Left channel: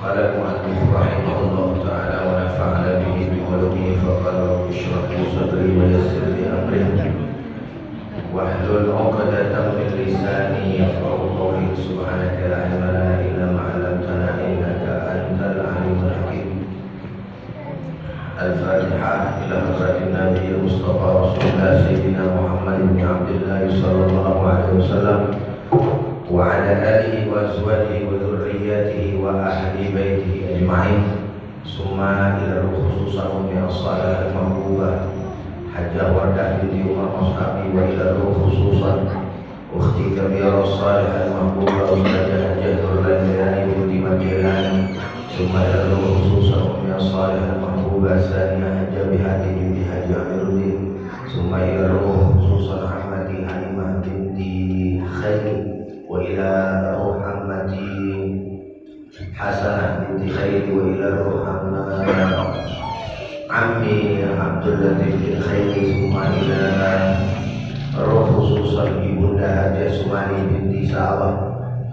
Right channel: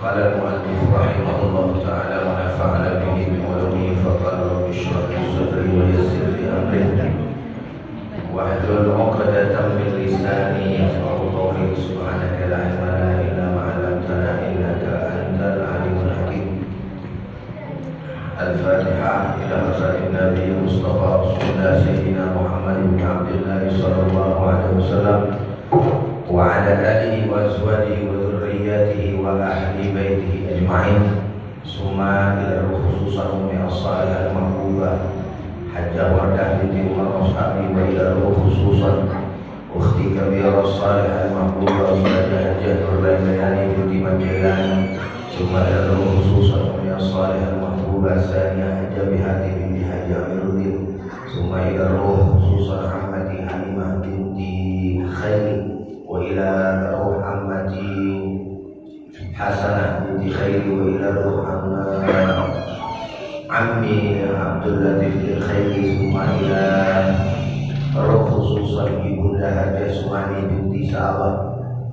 قال المؤلف رحمه الله تعالى ونفعنا به بعلومه فقال رب اشرح لي صدري ويسر لي امري واحلل عقدة من لساني يفقهوا قولي سبحانك لا علم لنا الا ما علمتنا انك انت العليم الحكيم. الفاتحة إلى حضرة النبي المصطفى رسول الله سيدنا محمد بن عبد الله صلى الله عليه وسلم وعلى آله وأزواجه وذرياته وأهل بيته أجمعين ثم إلى خصوصا أم الصالحة المحبوبة حجة وردة بنت عمر أصحابي وإلى خصوصا أختي كبيرة الصالحة المحبوبة أستاذة حجة الليلاني بنت مجيلاني ثم إلى خصوصا أم الصالحة المحبوبة الثانية حجة بهذه بنت حجة أمير الدين ثم إلى خصوصا أحمدي حليمة بنت خير وإلى روح عمتي حسنة بنت خير وإلى روح عمي عبد اللطيف بن خير ثم إلى روح خصوصا ibunda Hajah Sumani binti Sa'bah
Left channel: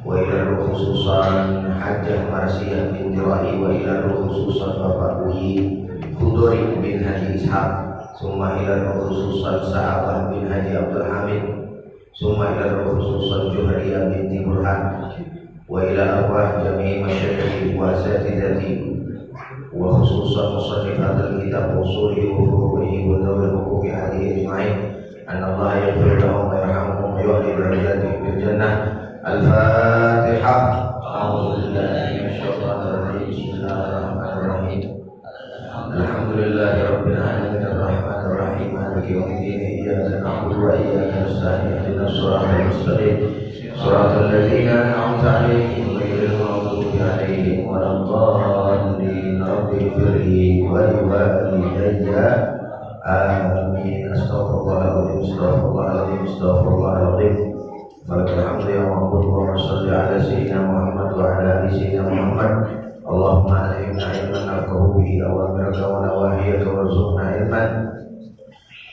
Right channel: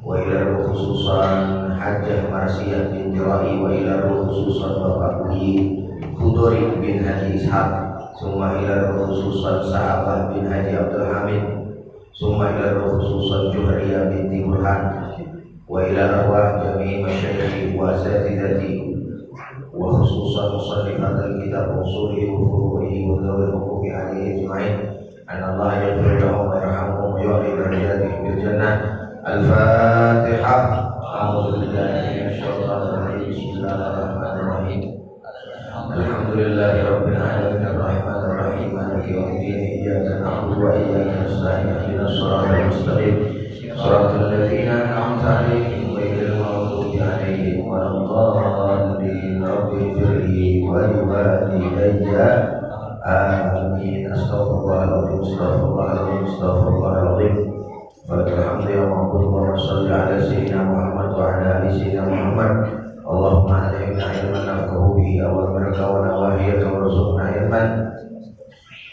وإلى روح خصوصا Hajah Marsiyah binti Rai وإلى روح خصوصا Bapak Bui Khudori bin Haji Ishaq ثم إلى روح خصوصا Sa'bah bin Haji Abdul Hamid ثم إلى خصوصا جهرية بنت برهان وإلى أرواح جميع مشايخي وأساتذتي وخصوصا مصنفات الكتاب وأصوله وفروعه وذوي الحقوق عليه أجمعين أن الله يغفر لهم ويرحمهم ويعلي درجاتهم في الجنة. الفاتحة. أعوذ بالله من الشيطان الرجيم. بسم الله الرحمن الرحيم. الحمد لله رب العالمين الرحمن الرحيم مالك يوم الدين إياك نعبد وإياك نستعين اهدنا الصراط المستقيم صراط الذين أنعمت عليهم غير المغضوب عليهم ولا الضالين رب اغفر لي ولوالدي آمين. أستغفر الله العظيم أستغفر الله العظيم أستغفر الله العظيم. ولك الحمد يا معبود اللهم صل على سيدنا محمد وعلى آل سيدنا محمد. اللهم علمنا علما نفقه به أوامرك ونواهيك وارزقنا علما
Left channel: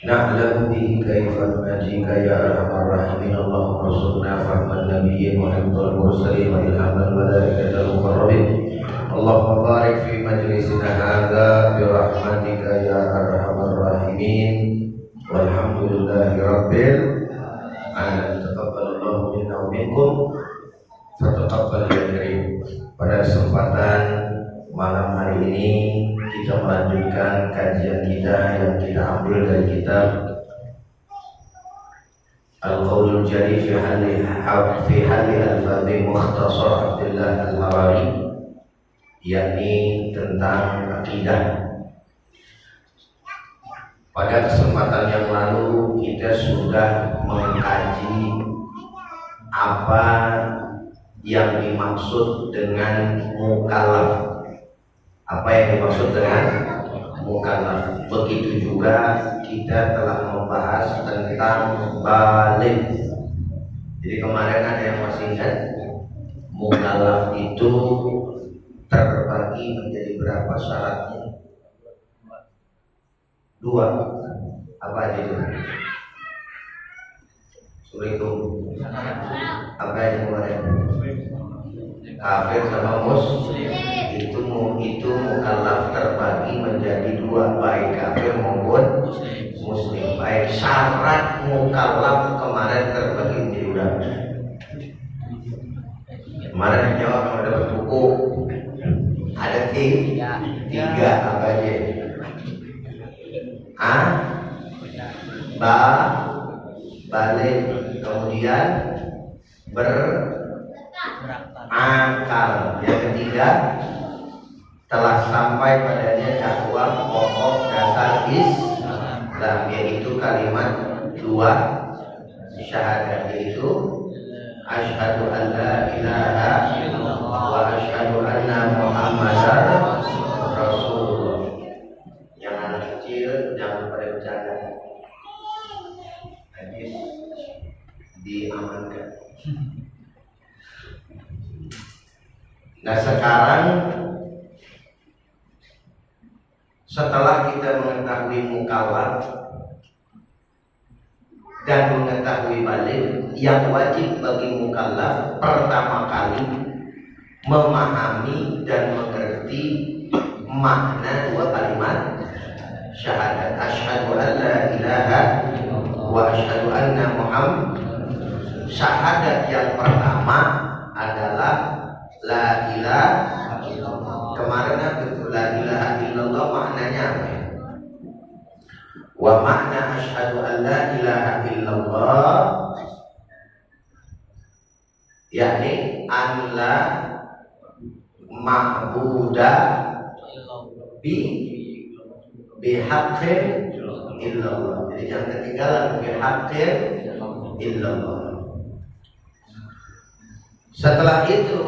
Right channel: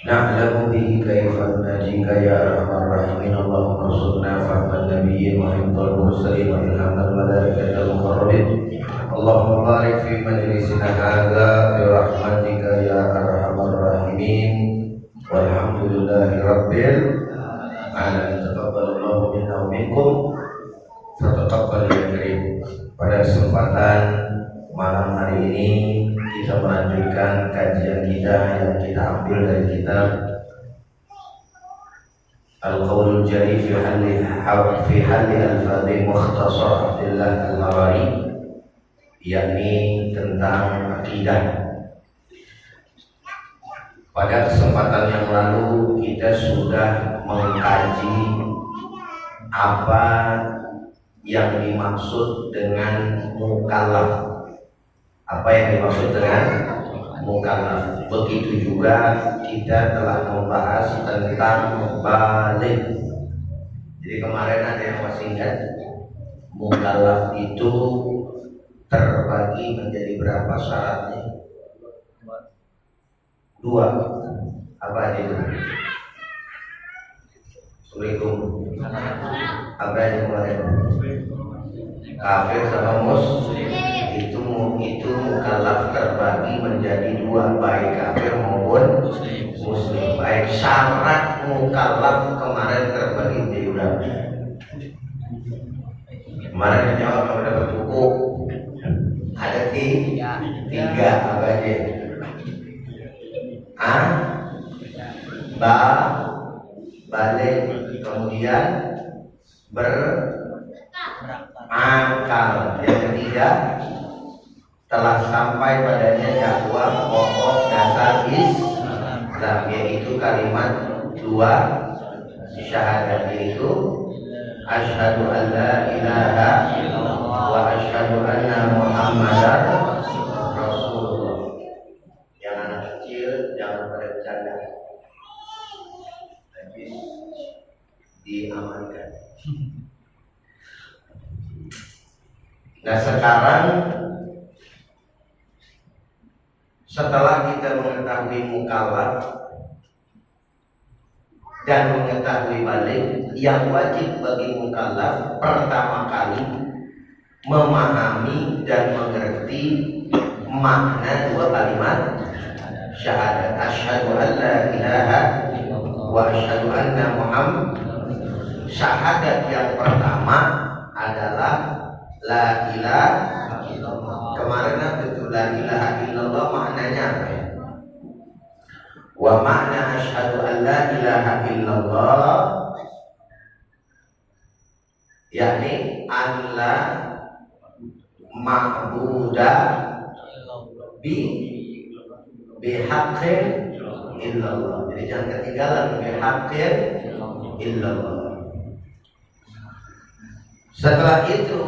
نعلم به كيف نناجيك يا أرحم الراحمين. اللهم ارزقنا فهم النبيين وحفظ المرسلين وإلهام الملائكة المقربين. اللهم بارك في مجلسنا هذا برحمتك يا أرحم الراحمين والحمد لله رب العالمين. تقبل الله منا ومنكم فتقبل يا كريم. Pada kesempatan malam hari ini kita melanjutkan kajian kita yang kita ambil dari kitab Al-Qaulul Jali fi Halli Al-Fadhi Mukhtasar Abdullah Al-Marari, yakni tentang akidah. Pada kesempatan yang lalu kita sudah mengkaji apa yang dimaksud dengan mukallaf. Apa yang dimaksud dengan mukallaf? Begitu juga kita telah membahas tentang baligh. Jadi kemarin ada yang masih ingat mukallaf itu terbagi menjadi berapa syaratnya? Dua. Apa aja itu? Assalamualaikum. Apa yang kemarin? Kafir sama muslim. Itu mukallaf terbagi menjadi dua, baik kafir maupun muslim. Baik syarat mukallaf kemarin terbagi menjadi berapa? Kemarin dijawab kalau dapat buku ada tiga apa aja? Balik, kemudian berakal, yang ketiga telah sampai padanya dakwah pokok dasar Islam, yaitu kalimat dua syahadat, yaitu asyhadu an la ilaha illallah wa asyhadu anna muhammadar rasulullah. Yang anak kecil jangan pada bercanda, hadis diamankan. Nah sekarang setelah kita mengetahui mukallaf dan mengetahui baligh, yang wajib bagi mukallaf pertama kali memahami dan mengerti makna dua kalimat syahadat. Asyhadu an la ilaha wa asyhadu anna Muhammad. Syahadat yang pertama adalah la ilaha illallah. Kemarin betul la ilaha illallah maknanya apa ya? Wa makna asyhadu an la ilaha illallah yakni an la ma'buda bihaqqin illallah. Jadi jangan ketinggalan bihaqqin illallah. Setelah itu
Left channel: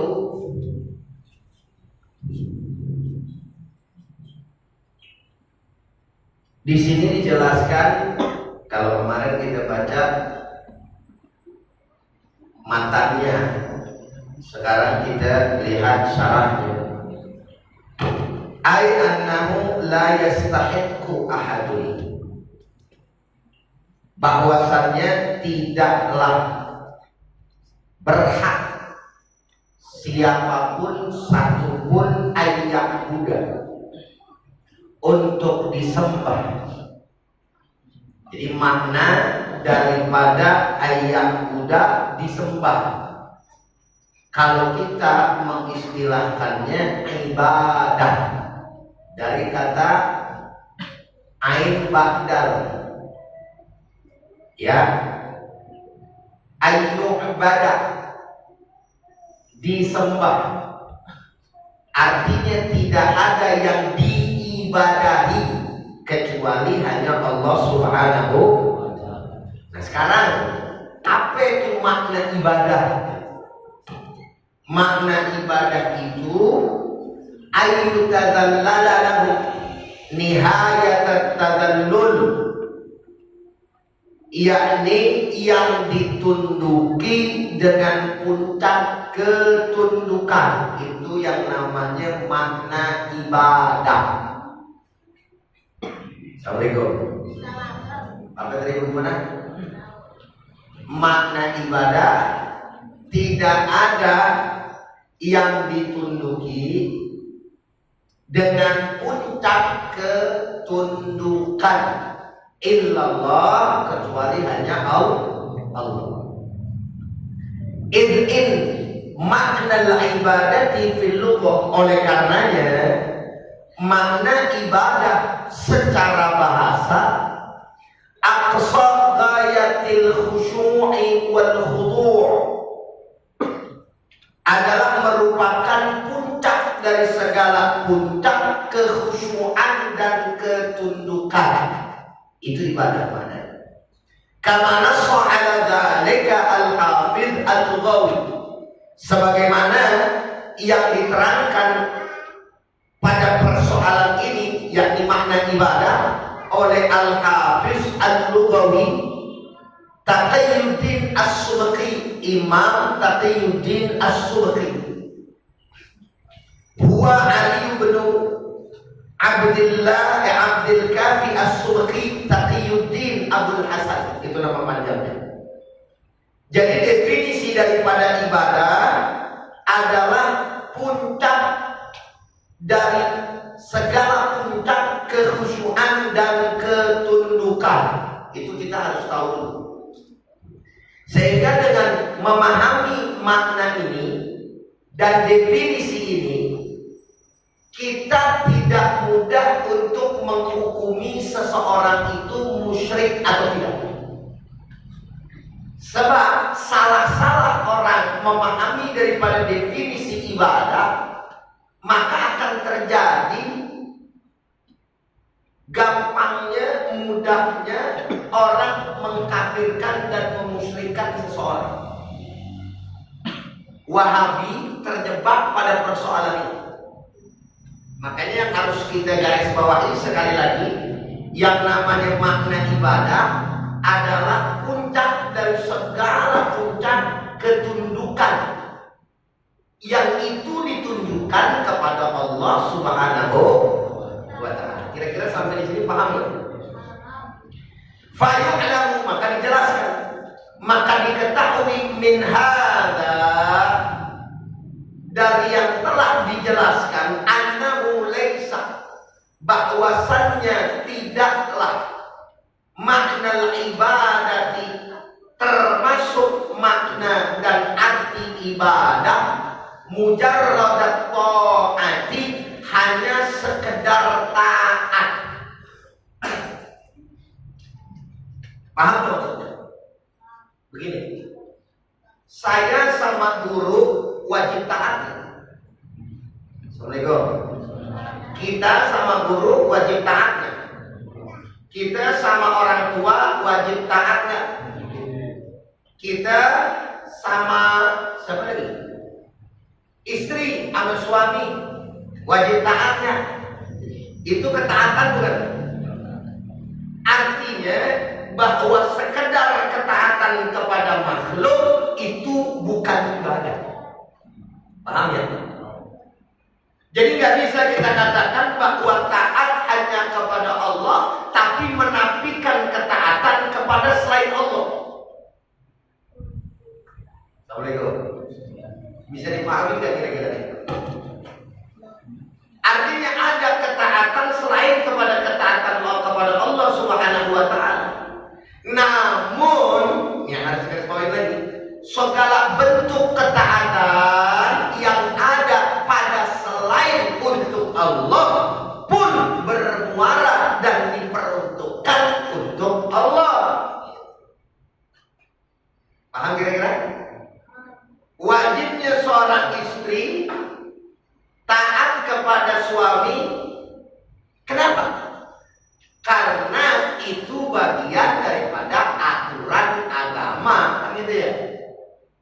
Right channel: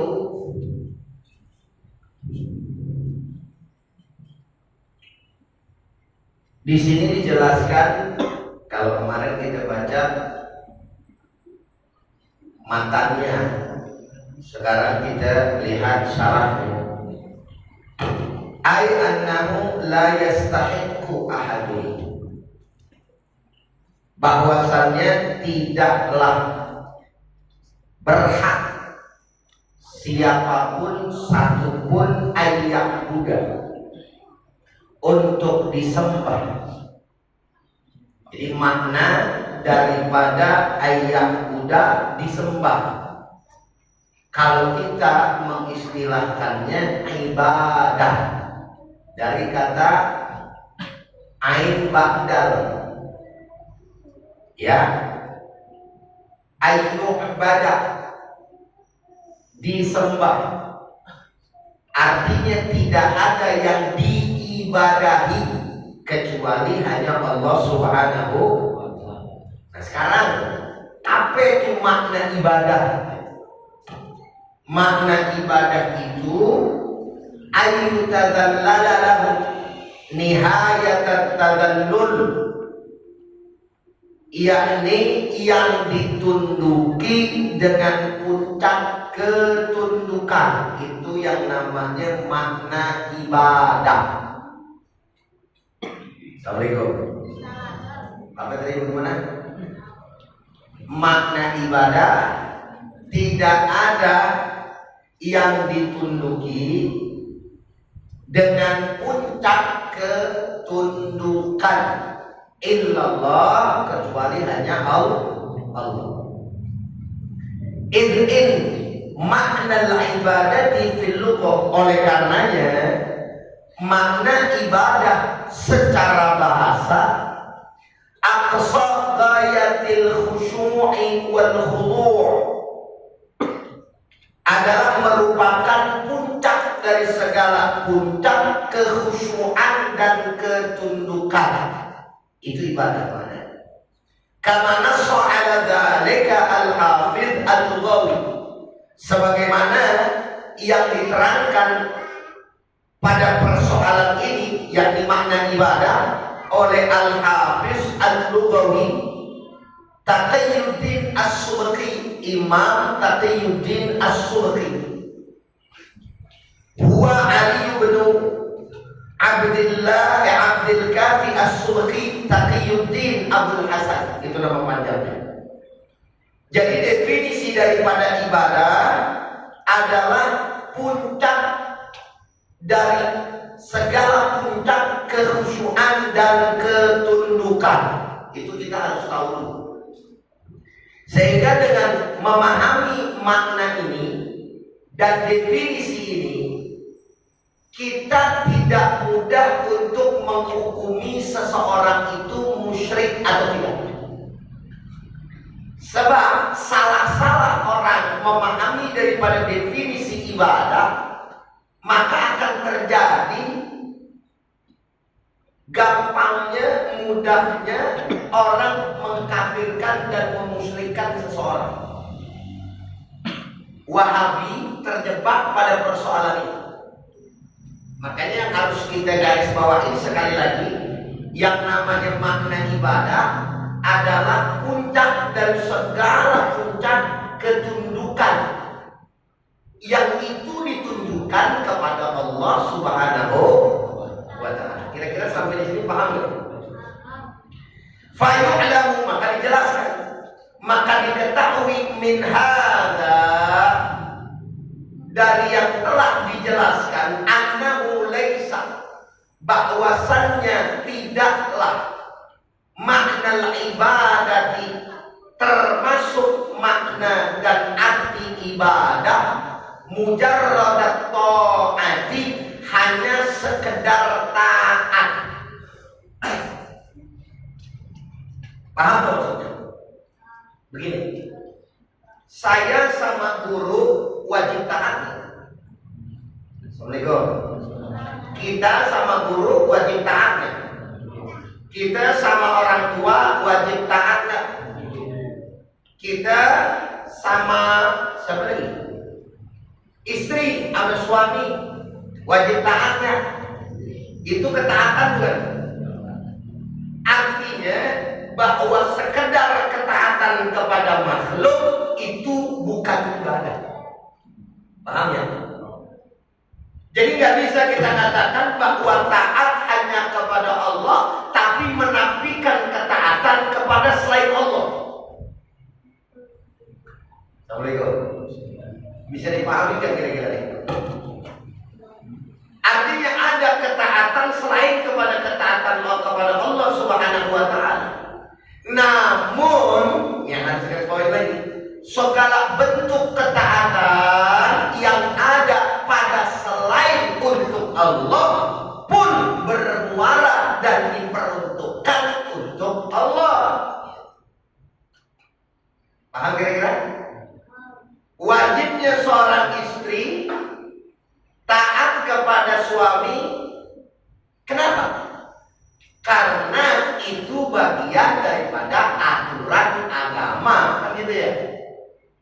di sini dijelaskan, kalau kemarin kita baca matanya, sekarang kita lihat syarahnya. Ai annahu la yastahiqqu ahadun, bahwasannya tidaklah berhak siapapun satupun ayat Buddha untuk disembah. Jadi makna daripada ayat Buddha disembah, kalau kita mengistilahkannya ibadah, dari kata ain ba'dal, ya, ainu ibadah, disembah, artinya tidak ada yang diibadahi kecuali hanya Allah Subhanahu wa ta'ala. Nah sekarang apa itu makna ibadah? Makna ibadah itu ayu tadallala lahu nihayat tadallul, yakni yang ditunduki dengan puncak ketundukan. Itu yang namanya makna ibadah. Assalamualaikum. Apa tadi bagaimana? Makna ibadah tidak ada yang ditunduki dengan puncak ketundukan illallah, kecuali hanya Allah. In makna ibadati fil lughah, oleh karenanya makna ibadah secara bahasa aqsa ghayatil khusyu'i wal khudu' adalah merupakan puncak dari segala puncak kekhusyuan dan ketundukan. Itu ibadah pada. Kama nassa ala dzalika al-Hafidz al-Lughawi, sebagaimana yang diterangkan pada persoalan ini, yakni makna ibadah, oleh Al-Hafidz al-Lughawi Taqiyuddin As-Subki, Imam Taqiyuddin As-Subki. Huwa Ali bin Abdul Kafi As-Subki Taqiyuddin Abul Hasan, itu nama panjangnya. Jadi definisi daripada ibadah adalah puncak dari segala puncak kekhusyuan dan ketundukan. Itu kita harus tahu dulu. Sehingga dengan memahami makna ini dan definisi ini, kita tidak mudah untuk menghukumi seseorang itu musyrik atau tidak. Sebab salah-salah orang memahami daripada definisi ibadah, maka akan terjadi gampangnya, mudahnya orang mengkafirkan dan memusyrikkan seseorang. Wahabi terjebak pada persoalan ini. Makanya yang harus kita garis bawahi sekali lagi, yang namanya makna ibadah adalah puncak dari segala puncak ketundukan, yang itu ditunjukkan kepada Allah Subhanahu wa ta'ala. Kira-kira sampai di sini paham ya? Fayu'lamu, maka dijelaskan, maka diketahui min hadza, dari yang telah dijelaskan, annahu laisa, bahwasannya tidaklah makna ibadati, termasuk makna dan arti ibadah, mujarradat ta'ati, hanya sekedar taat. Paham maksudnya? Begini, saya sama guru wajib taat. Assalamualaikum. Kita sama guru wajib taat. Kita sama orang tua wajib taat. Kita sama siapa lagi? Istri sama suami wajib taatnya. Itu ketaatan bukan? Artinya bahwa sekedar ketaatan kepada makhluk itu bukan ibadah. Paham ya? Jadi nggak bisa kita katakan bahwa taat hanya kepada Allah, tapi menafikan ketaatan kepada selain Allah. Assalamualaikum. Bisa dipahami nggak kira-kira itu? Artinya ada ketaatan selain kepada ketaatan Allah kepada Allah Subhanahu wa Ta'ala. Namun, yang harus kita poin lagi, segala bentuk ketaatan yang ada pada selain untuk Allah pun bermuara dan diperuntukkan untuk Allah. Paham kira-kira? Wajibnya seorang istri taat kepada suami. Kenapa? Karena itu bagian daripada aturan agama, kan gitu ya,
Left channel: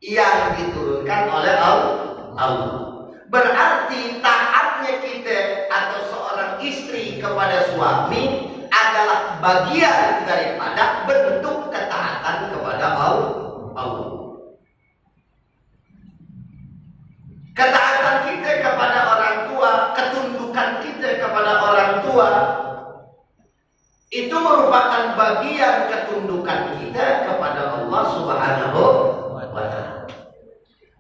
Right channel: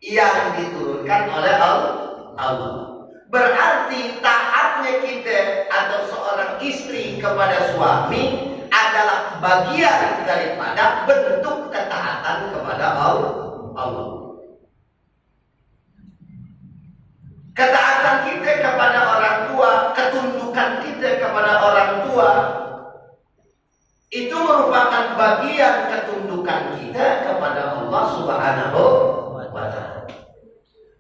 yang diturunkan oleh Allah. Berarti taatnya kita atau seorang istri kepada suami adalah bagian daripada bentuk ketaatan kepada Allah. Ketaatan kita kepada orang tua, ketundukan kita kepada orang tua, itu merupakan bagian ketundukan kita kepada Allah Subhanahu wa Ta'ala.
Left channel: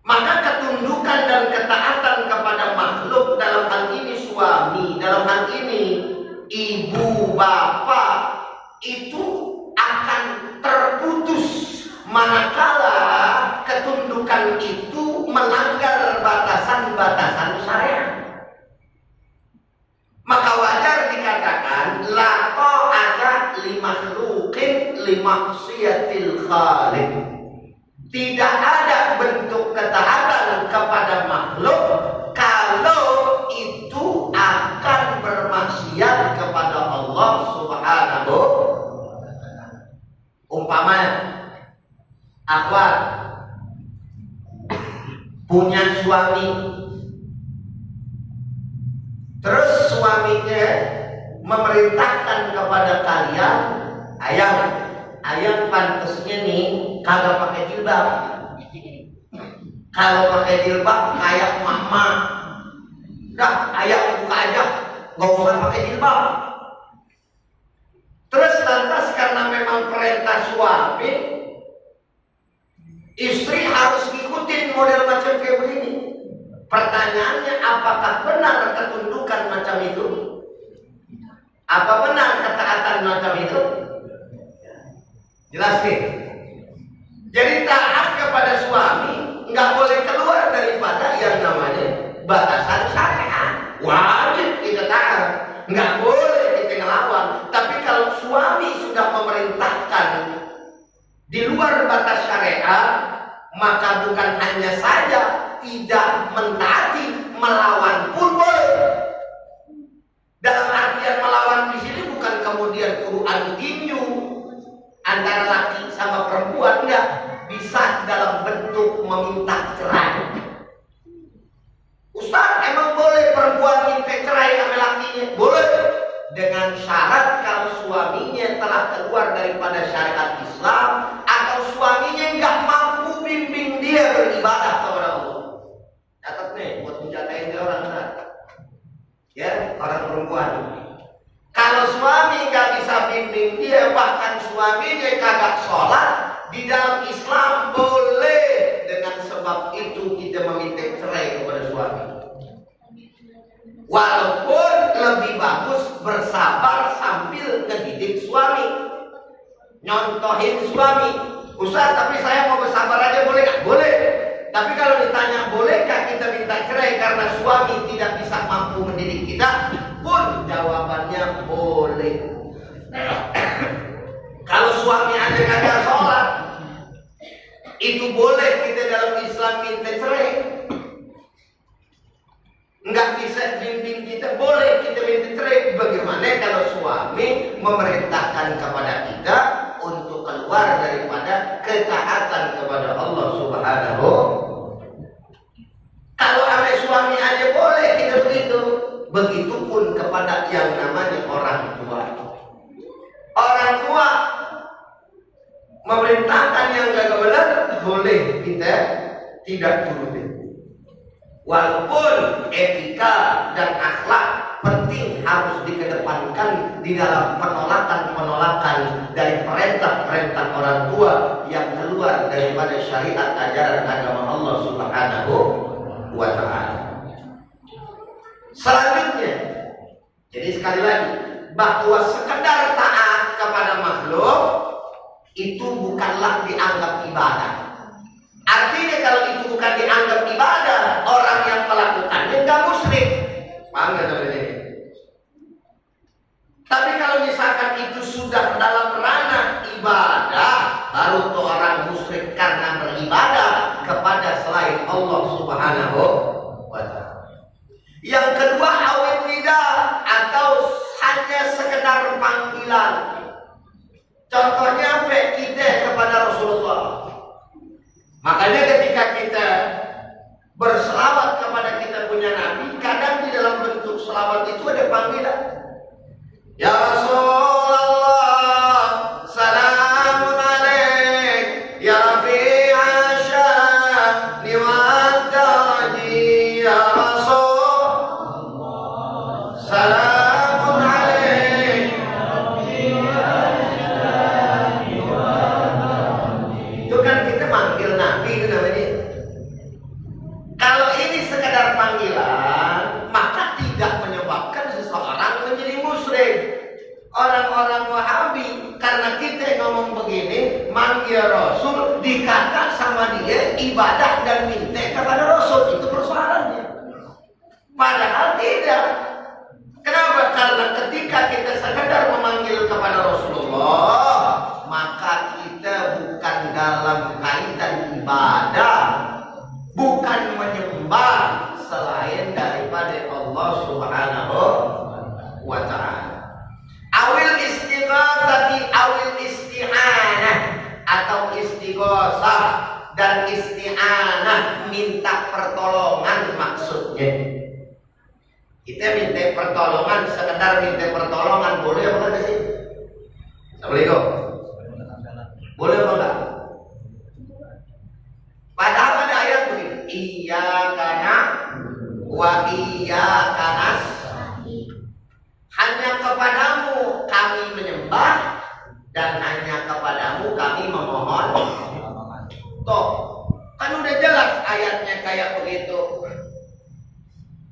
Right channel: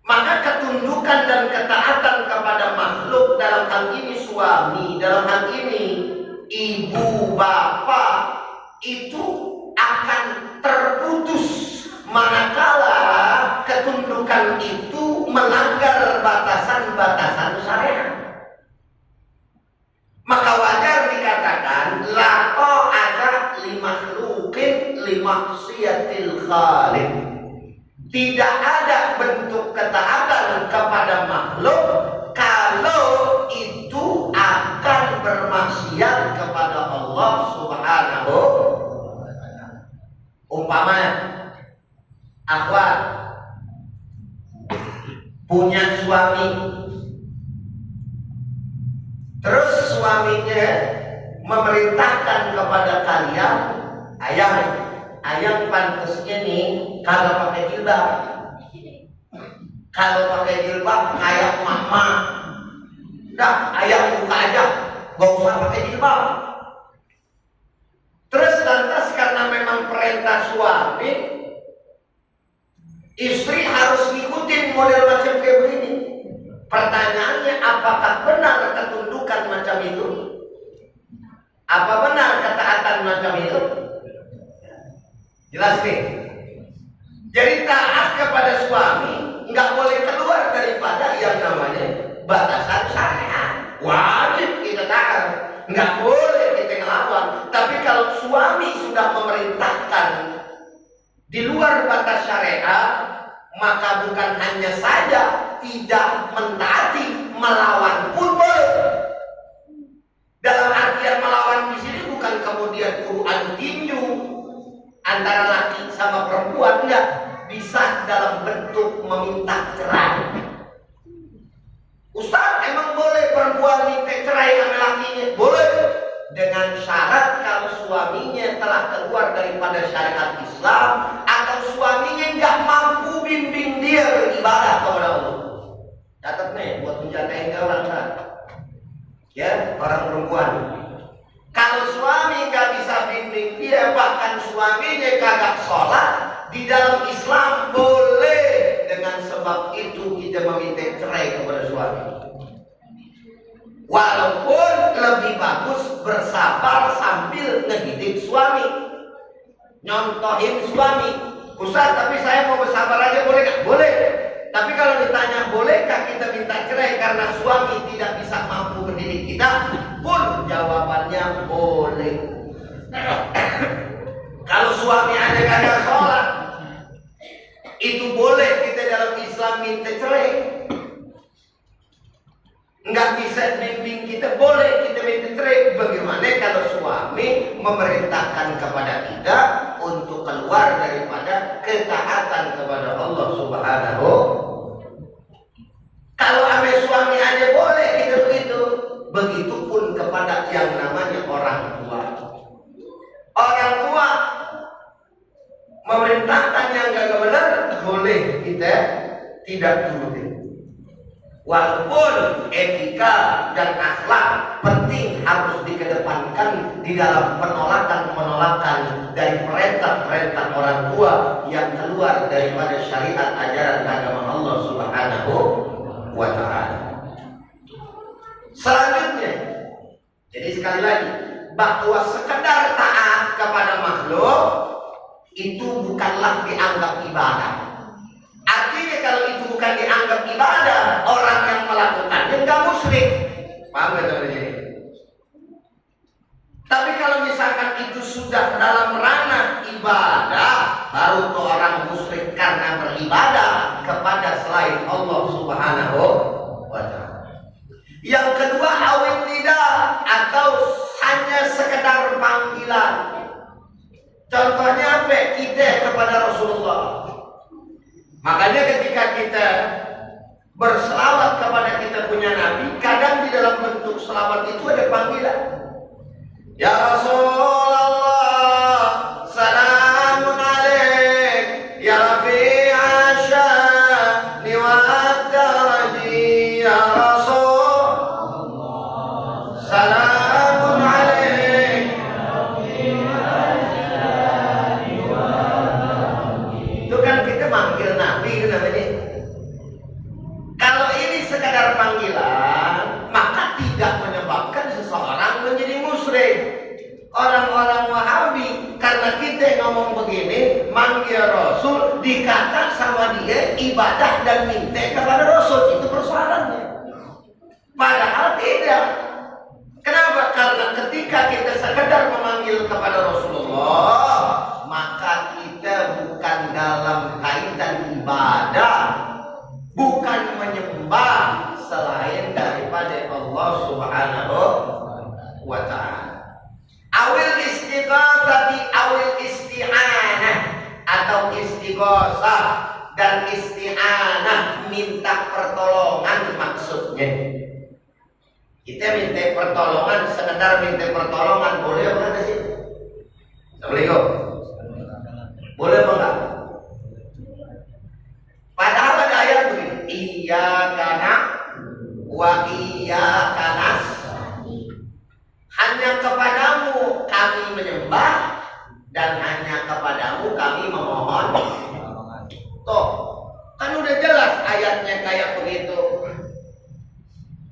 Maka ketundukan dan ketaatan kepada makhluk, dalam hal ini suami, dalam hal ini ibu, bapak, itu akan terputus manakala ketundukan itu melanggar batasan-batasan syariat. Maka wajar dikatakan la ta'ata li makhluqin li maksiatil khaliq. Tidak ada bentuk ketaatan kepada makhluk kalau itu akan bermaksiat kepada Allah Subhanahu wa Ta'ala. Umpamanya, akhwat punya suami, terus suaminya memerintahkan kepada kalian, ayang pantasnya nih kagak pakai jilbab. Kalau pakai jilbab kayak mama, dah ayang buka aja, gak usah pakai jilbab. Terus lantas karena memang perintah suami, istri harus ngikutin model macam kayak begini. Pertanyaannya, apakah benar ketundukan macam itu? Apa benar ketaatan macam itu? Jelas nih. Jadi taat kepada suami nggak boleh keluar daripada yang namanya batasan syariat. Wajib kita taat, nggak boleh kita ngelawan. Tapi kalau suami sudah memerintahkan di luar batas syariat, maka bukan hanya saja tidak mentaati, melawan pun boleh. Dalam artian melawan di sini bukan kemudian kudu adu tinju antara laki sama perempuan, enggak. Bisa dalam bentuk meminta cerai. Ustaz, emang boleh perempuan minta cerai sama lakinya? Boleh, dengan syarat kalau suaminya telah keluar daripada syariat Islam atau suaminya nggak mampu bimbing dia beribadah kepada Allah. Catat nih buat menjatain dia orang kan, ya, orang perempuan. Kalau suami nggak bisa bimbing dia, bahkan suaminya kagak sholat, di dalam Islam boleh dengan sebab itu kita meminta cerai kepada suami. Walaupun lebih bagus bersabar sambil ngedidik suami, nyontohin suami. Ustaz, tapi saya mau bersabar aja boleh nggak? Boleh. Tapi kalau ditanya bolehkah kita minta cerai karena suami tidak bisa mampu mendidik kita, pun jawabannya boleh. Kalau suami aja kagak sholat, itu boleh kita dalam Islam minta cerai. Nggak bisa bimbing kita, boleh kita minta cerai. Bagaimana kalau suami memerintahkan kepada kita untuk keluar daripada ketaatan kepada Allah Subhanahu. Kalau ame suami aja boleh kita begitu, begitupun kepada yang namanya orang tua. Orang tua memerintahkan yang gak benar, boleh kita tidak turutin. Walaupun etika dan akhlak penting harus dikedepankan di dalam penolakan-penolakan dari perintah-perintah orang tua yang keluar daripada syariat ajaran agama Allah Subhanahu wa ta'ala. Selanjutnya, jadi sekali lagi, bahwa sekedar taat kepada makhluk itu bukanlah dianggap ibadah. Artinya kalau itu bukan dianggap ibadah, orang yang melakukannya enggak musyrik. Paham nggak sampai sini? Tapi kalau misalkan itu sudah dalam ranah ibadah, baru tuh orang musyrik karena beribadah kepada selain Allah Subhanahu wa ta'ala. Yang kedua, awit lidah atau hanya sekedar panggilan. Contohnya apa? Kita kepada Rasulullah. Makanya ketika kita berselawat kepada kita punya Nabi, kadang di dalam bentuk selawat itu ada panggilan. Ya Rasulullah, salamun alaik, ya Rafi'a sya'ni wa daraji, ya Rasulullah, salamun alaik. Itu kan kita manggil Nabi itu namanya. Kalau ini sekadar panggilan, maka tidak menyebabkan seseorang menjadi musyrik. Orang-orang Wahabi karena kita ngomong begini, manggil Rasul, dikata sama dia ibadah dan minta kepada Rasul, itu persoalannya. Padahal tidak. Kenapa? Karena ketika kita sekedar memanggil kepada Rasulullah, maka kita bukan dalam kaitan ibadah, bukan menyembah selain daripada Allah Subhanahu wa ta'ala. Awil istighosati awil isti'anah, atau istighosah dan isti'anah, minta pertolongan maksudnya. Kita minta pertolongan, sekedar minta pertolongan, boleh apa enggak sih? Assalamualaikum. Boleh apa enggak? Padahal ada ayat begini, iyyaka na'budu wa iyyaka nasta'in. Hanya kepadamu kami menyembah dan hanya kepadamu kami memohon. Tuh, kan udah jelas ayatnya kayak begitu.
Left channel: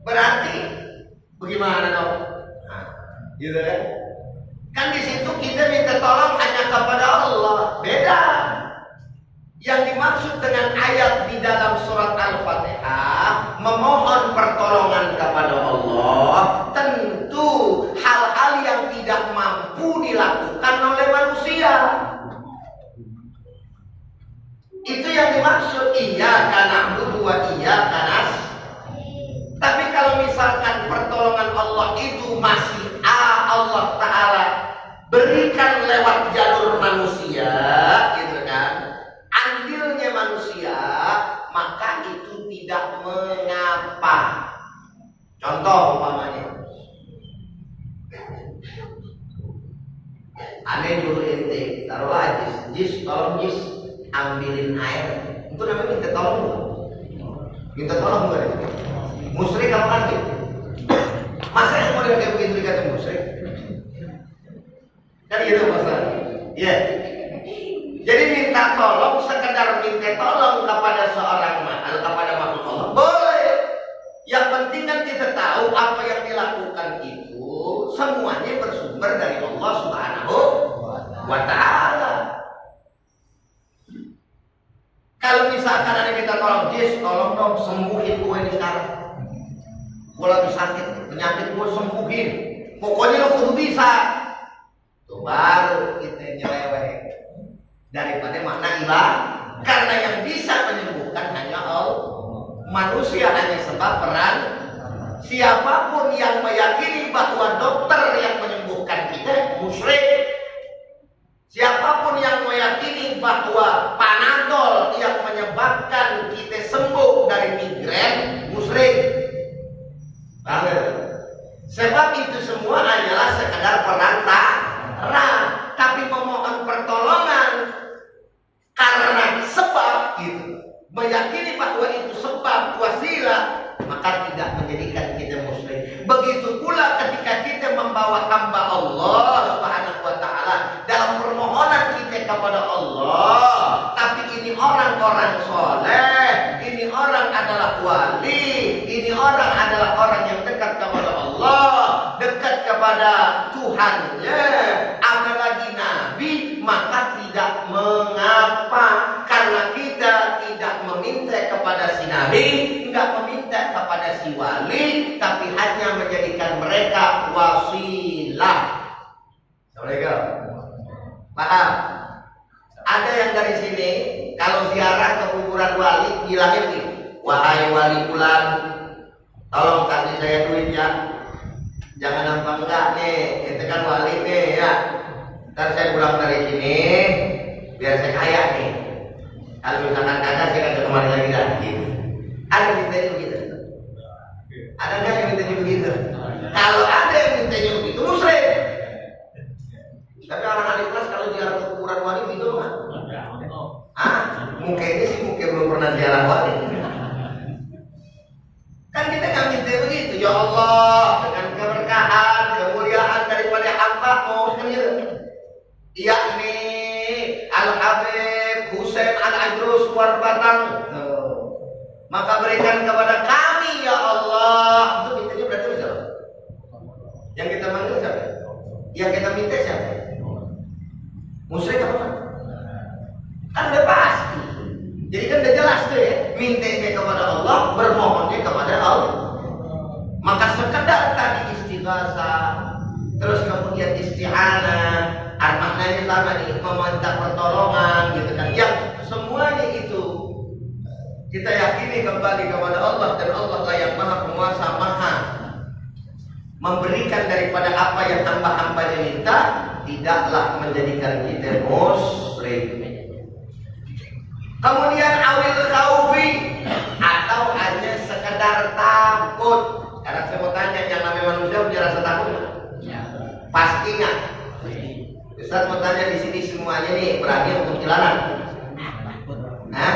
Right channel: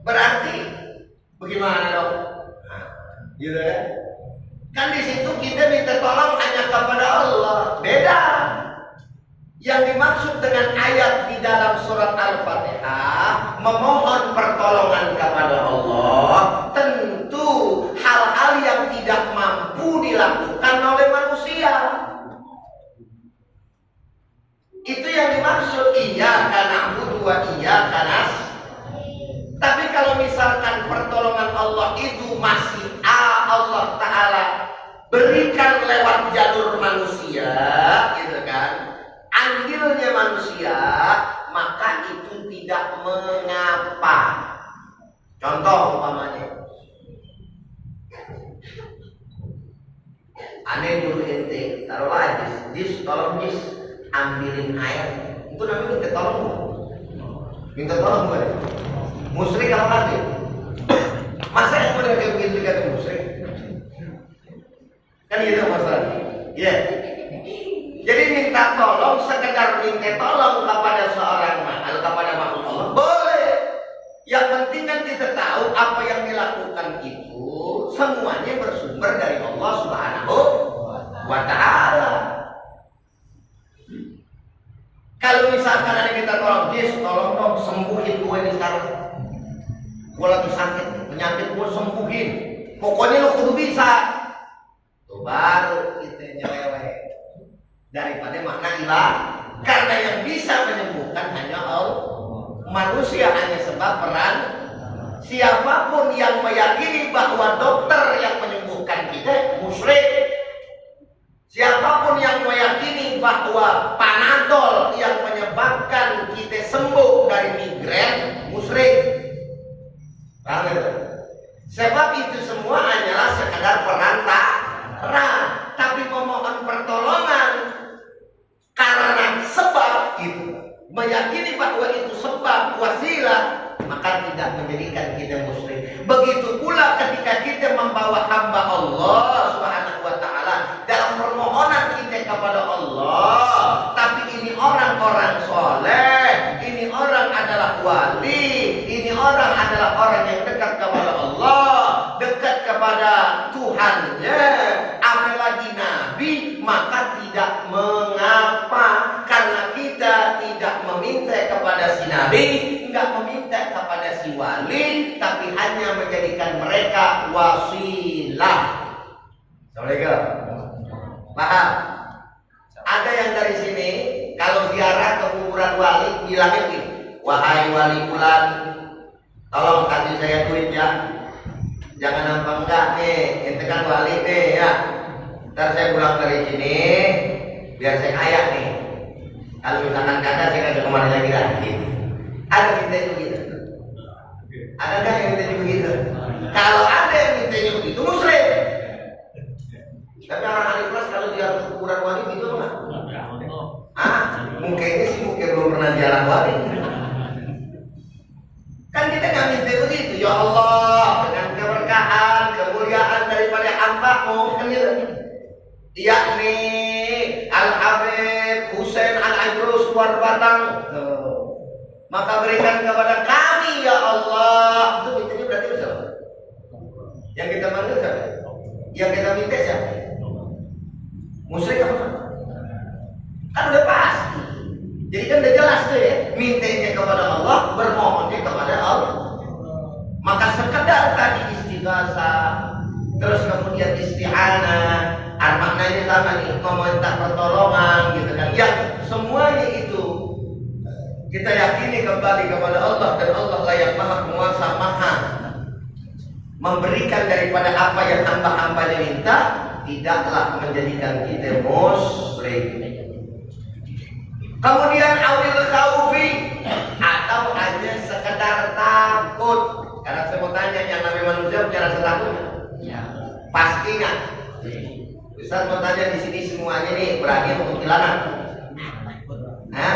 Berarti bagaimana dong? Nah, gitu kan? Kan di situ kita minta tolong hanya kepada Allah. Beda. Yang dimaksud dengan ayat di dalam surat Al-Fatihah, memohon pertolongan kepada Allah, tentu hal-hal yang tidak mampu dilakukan oleh manusia. Itu yang dimaksud iyyaka na'budu wa iyyaka nasta'in. Tapi kalau misalkan pertolongan Allah itu masih Allah Ta'ala berikan lewat jalur manusia, gitu kan, andilnya manusia, maka itu tidak mengapa. Contoh umpamanya, aneh dulu ente, taruhlah jis, tolong jis, ambilin air. Itu namanya minta tolong gak? Minta tolong gak? Musyrik apa kafir? Masa yang model kayak begitu dikata musyrik? Kan gitu masalahnya. Ya. Jadi minta tolong, sekedar minta tolong kepada seorang makhluk, kepada makhluk Allah boleh. Yang penting kan kita tahu apa yang dilakukan itu semuanya bersumber dari Allah Subhanahu wa Ta'ala. Kalau misalkan ada kita tolong, Jis, tolong dong sembuhin gue ini sekarang. Gue lagi sakit, penyakit gue sembuhin. Pokoknya lo kudu bisa. Tuh baru kita nyeleweh. Daripada makna ilah. Karena yang bisa menyembuhkan hanya Allah. Manusia hanya sebab peran. Siapapun yang meyakini bahwa dokter yang menyembuhkan kita musyrik. Siapapun yang meyakini bahwa Panadol yang menyebabkan kita sembuh dari migrain musyrik. Paham? Sebab itu semua hanyalah sekadar perantara, tapi memohon pertolongan karena sebab itu, meyakini bahwa itu sebab wasilah, maka tidak menjadikan kita musyrik. Begitu pula ketika kita membawa hamba Allah Subhanahu wa Ta'ala dalam permohonan kita kepada Allah, tapi ini orang-orang soleh, ini orang adalah wali, ini orang adalah orang yang dekat kepada Allah, dekat kepada Tuhannya, apalagi Nabi, maka tidak mengapa karena kita tidak meminta kepada si Nabi, enggak meminta kepada si wali, tapi hanya menjadikan mereka wasilah. Assalamualaikum. Paham? Ada yang dari sini kalau ziarah ke kuburan wali bilangnya begini, wahai wali fulan, tolong kasih saya duit ya. Jangan nampak enggak nih, itu kan wali nih ya. Ntar saya pulang dari sini biar saya kaya nih. Kalau misalkan kagak saya kagak kemari lagi. Ada minta itu gitu. Ada nggak yang minta begitu? Kalau ada yang mintanya begitu musyrik. Tapi orang ahli kelas kalau ziarah ke kuburan wali gitu nggak? Mungkinnya sih mungkin belum pernah ziarah wali. Kan kita nggak minta begitu. Ya Allah, dengan keberkahan, kemuliaan daripada hamba-Mu kan gitu. Yakni Al-Habib Husain Al-Idrus Luar Batang. Maka berikan kepada kami ya Allah. Itu mintanya berarti siapa? Yang kita manggil siapa? Yang kita minta siapa? Musyrik apa kan? Kan udah pasti. Jadi kan udah jelas tuh ya. Mintanya kepada Allah, bermohonnya kepada Allah. Maka sekedar tadi istighasah, terus kemudian isti'anah, maknanya sama nih, meminta pertolongan gitu kan. Yang semuanya itu kita yakini kembali kepada Allah, dan Allah lah yang maha penguasa, maha memberikan daripada apa yang hamba-hambanya minta, tidaklah menjadikan kita musyrik. Kemudian awil khaufi, atau hanya sekedar takut. Karena saya mau tanya, yang namanya manusia punya rasa takut nggak? Ya. Pasti nggak? Ustaz mau tanya di sini semuanya nih berani untuk kuntilanak? Hah?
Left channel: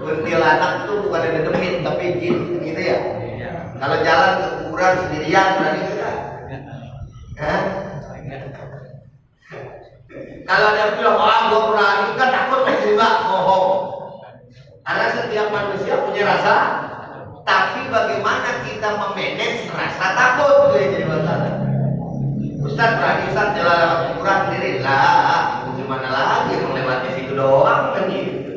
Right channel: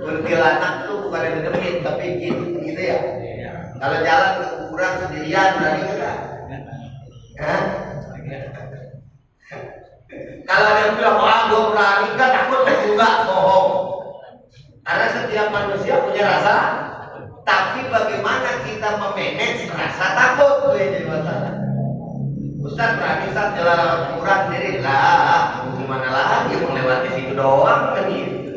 Kuntilanak itu bukan ada demit tapi jin gitu ya. Kalau jalan ke kuburan sendirian berani enggak? Hah? Kalau ada yang bilang, "Oh, gua berani," enggak, takut enggak, bohong. Karena setiap manusia punya rasa, tapi bagaimana kita memanage rasa takut itu yang jadi masalah. Ustaz berani Ustaz jalan lewat kuburan sendiri lah, gimana lagi melewati situ doang kan gitu.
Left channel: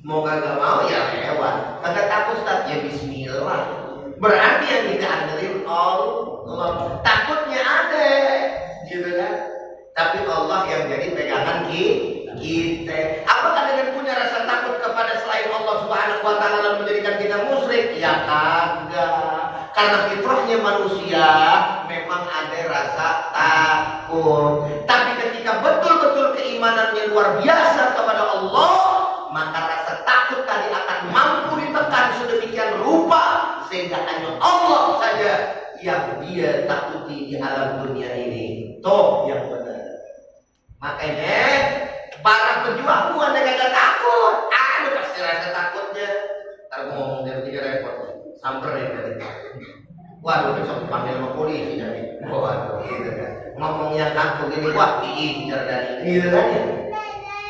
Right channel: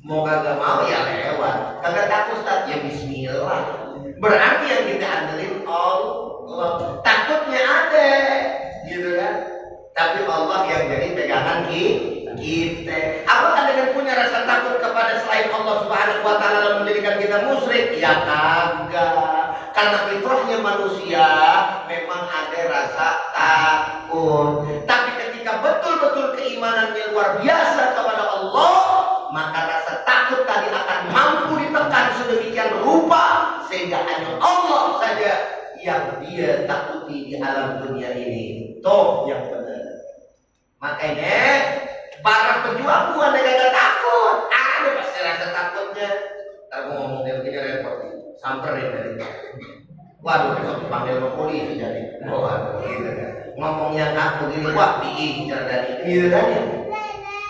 Mau kagak mau ya lewat. Kagak takut Ustaz, ya bismillah. Berarti yang kita andelin Allah. Takutnya ada, gitu kan? Tapi Allah yang jadi pegangan kita. Apakah dengan punya rasa takut kepada selain Allah Subhanahu wa Ta'ala menjadikan kita musyrik? Ya kagak. Karena fitrahnya manusia memang ada rasa takut. Tapi ketika betul-betul keimanannya luar biasa kepada Allah, maka rasa takut tadi akan mampu ditekan sedemikian rupa sehingga hanya Allah saja yang dia takuti di alam dunia ini. Toh yang benar. Makanya para pejuang bukan kagak takut. Ada pasti rasa takutnya. Ntar gua ngomong dia begini repot. Samperin dari. Waduh, besok dipanggil sama polisi jadi. Waduh, gitu kan. Ngomongnya takut ini, wah diincar dari. Gitu kan ya.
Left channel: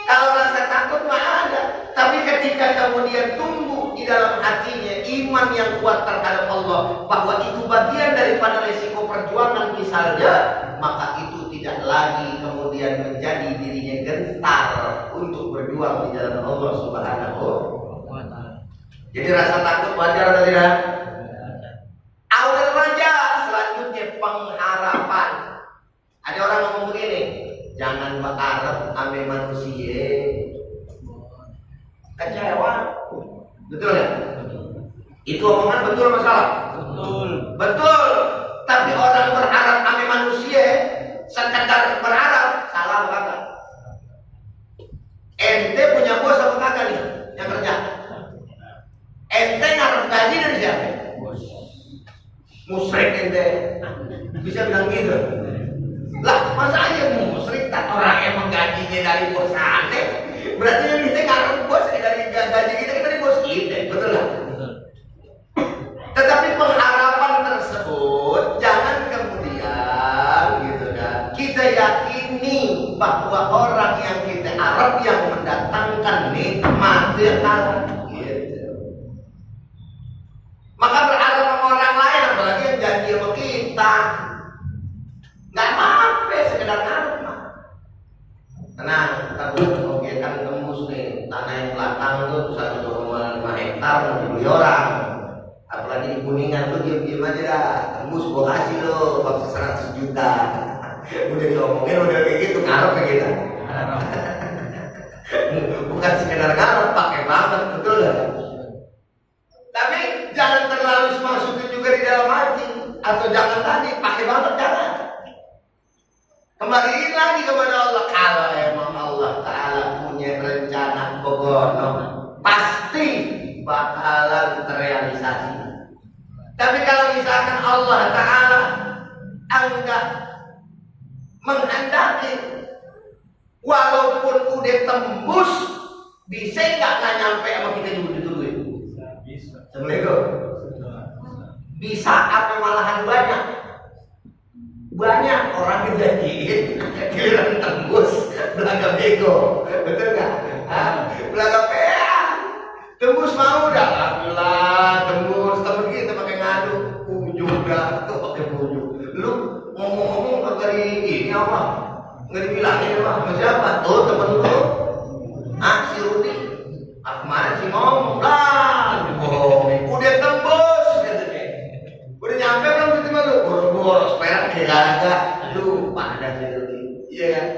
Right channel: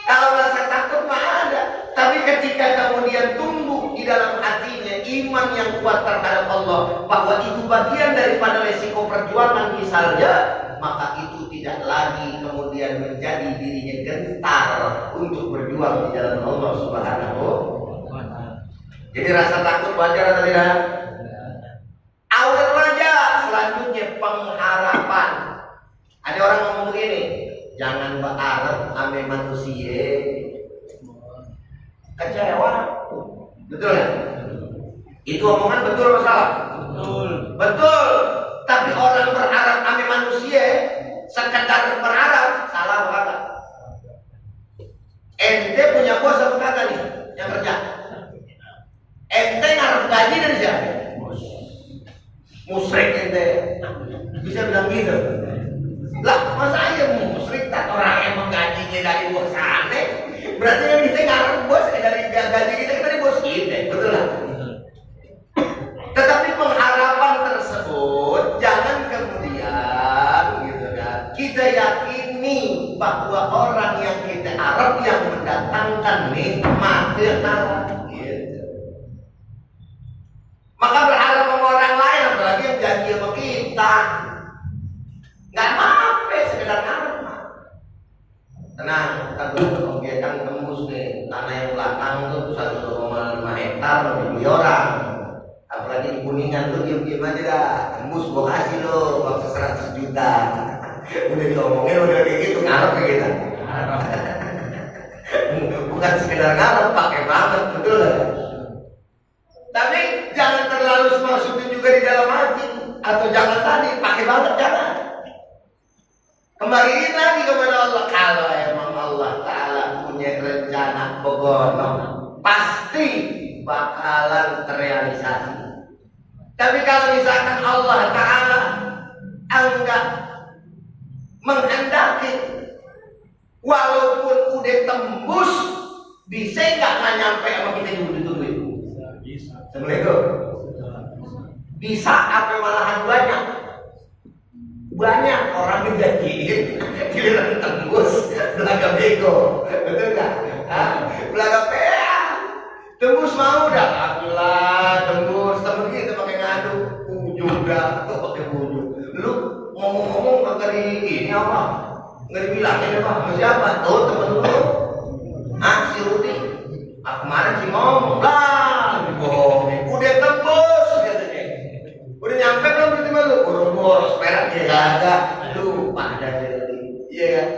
Kalau rasa takut mah ada, tapi ketika kemudian tumbuh di dalam hatinya iman yang kuat terhadap Allah, bahwa itu bagian daripada resiko perjuangan misalnya, maka itu tidak lagi kemudian menjadi dirinya gentar untuk berjuang di jalan Allah Subhanahu wa Ta'ala. Jadi rasa takut wajar atau tidak? Awal raja, selanjutnya pengharapan. Ada orang ngomong begini, jangan berharap ame manusia kecewa. Betul ya? Itu omongan betul atau salah? Betul. Betul. Tapi orang berharap ame manusia sekedar berharap, salah apa kagak? Ente punya bos apa kagak nih yang kerja? Ente ngarep gaji dari siapa? Musyrik ente. Bisa bilang gitu. Lah, masa iya musyrik tak orang yang menggajinya dari bos aneh? Berarti kan kita ngarep bos dari gaji kita dari bos kita, betul lah. Tetapi pengharapan tersebut jangan kemudian gitu kan kita yakini bahwa orang yang kita harap yang mendatangkan nikmat gitu. Maka berharap sama orang lain, apalagi yang janji sama kita, nggak apa-apa, sekedar ngarep mah. Tenang, kita belum kan tembus nih tanah yang belakang tuh 1,5 hektar dibeli orang. Apalagi di Kuningan tuh diam-diam aja dah, tembus gua kasih lo bangsa 100 juta. Udah diomongin udah kayak gitu, ngarep kayak gitu. Bukan sekedar ngarep, pakai banget, betul gak? Tapi jangan terlalu semasukin juga di dalam hati, atau jangan tadi pakai banget, jangan. Kembaliin lagi kepada Allah. Kalau emang Allah Ta'ala punya rencana begono, pasti bakalan terrealisasi. Tapi kalau misalkan Allah Ta'ala enggak menghendaki, walaupun udah tembus, bisa nggak nyampe sama kita dulu-dulu? Bisa. Assalamualaikum. Bisa apa malahan banyak? Banyak orang dijanjiin, giliran tembus, belaga bego, betul nggak? Belaga PA, tembus mau dah, alhamdulillah tembus, temen kita pakai ngadu, ujung dah, tuh pakai ujung. Lu ngomong-ngomong kagak di ini apa? Nggak dibilangin apa? Sama siapa? Tuh temen lu, si Rudi. Kemarin si ngomong lah, dibohongin. Udah tembus, katanya. Udah nyampe belum tiba lu? Boro-boro, perak kagak. Lupa dah si Rudi. Iya kan?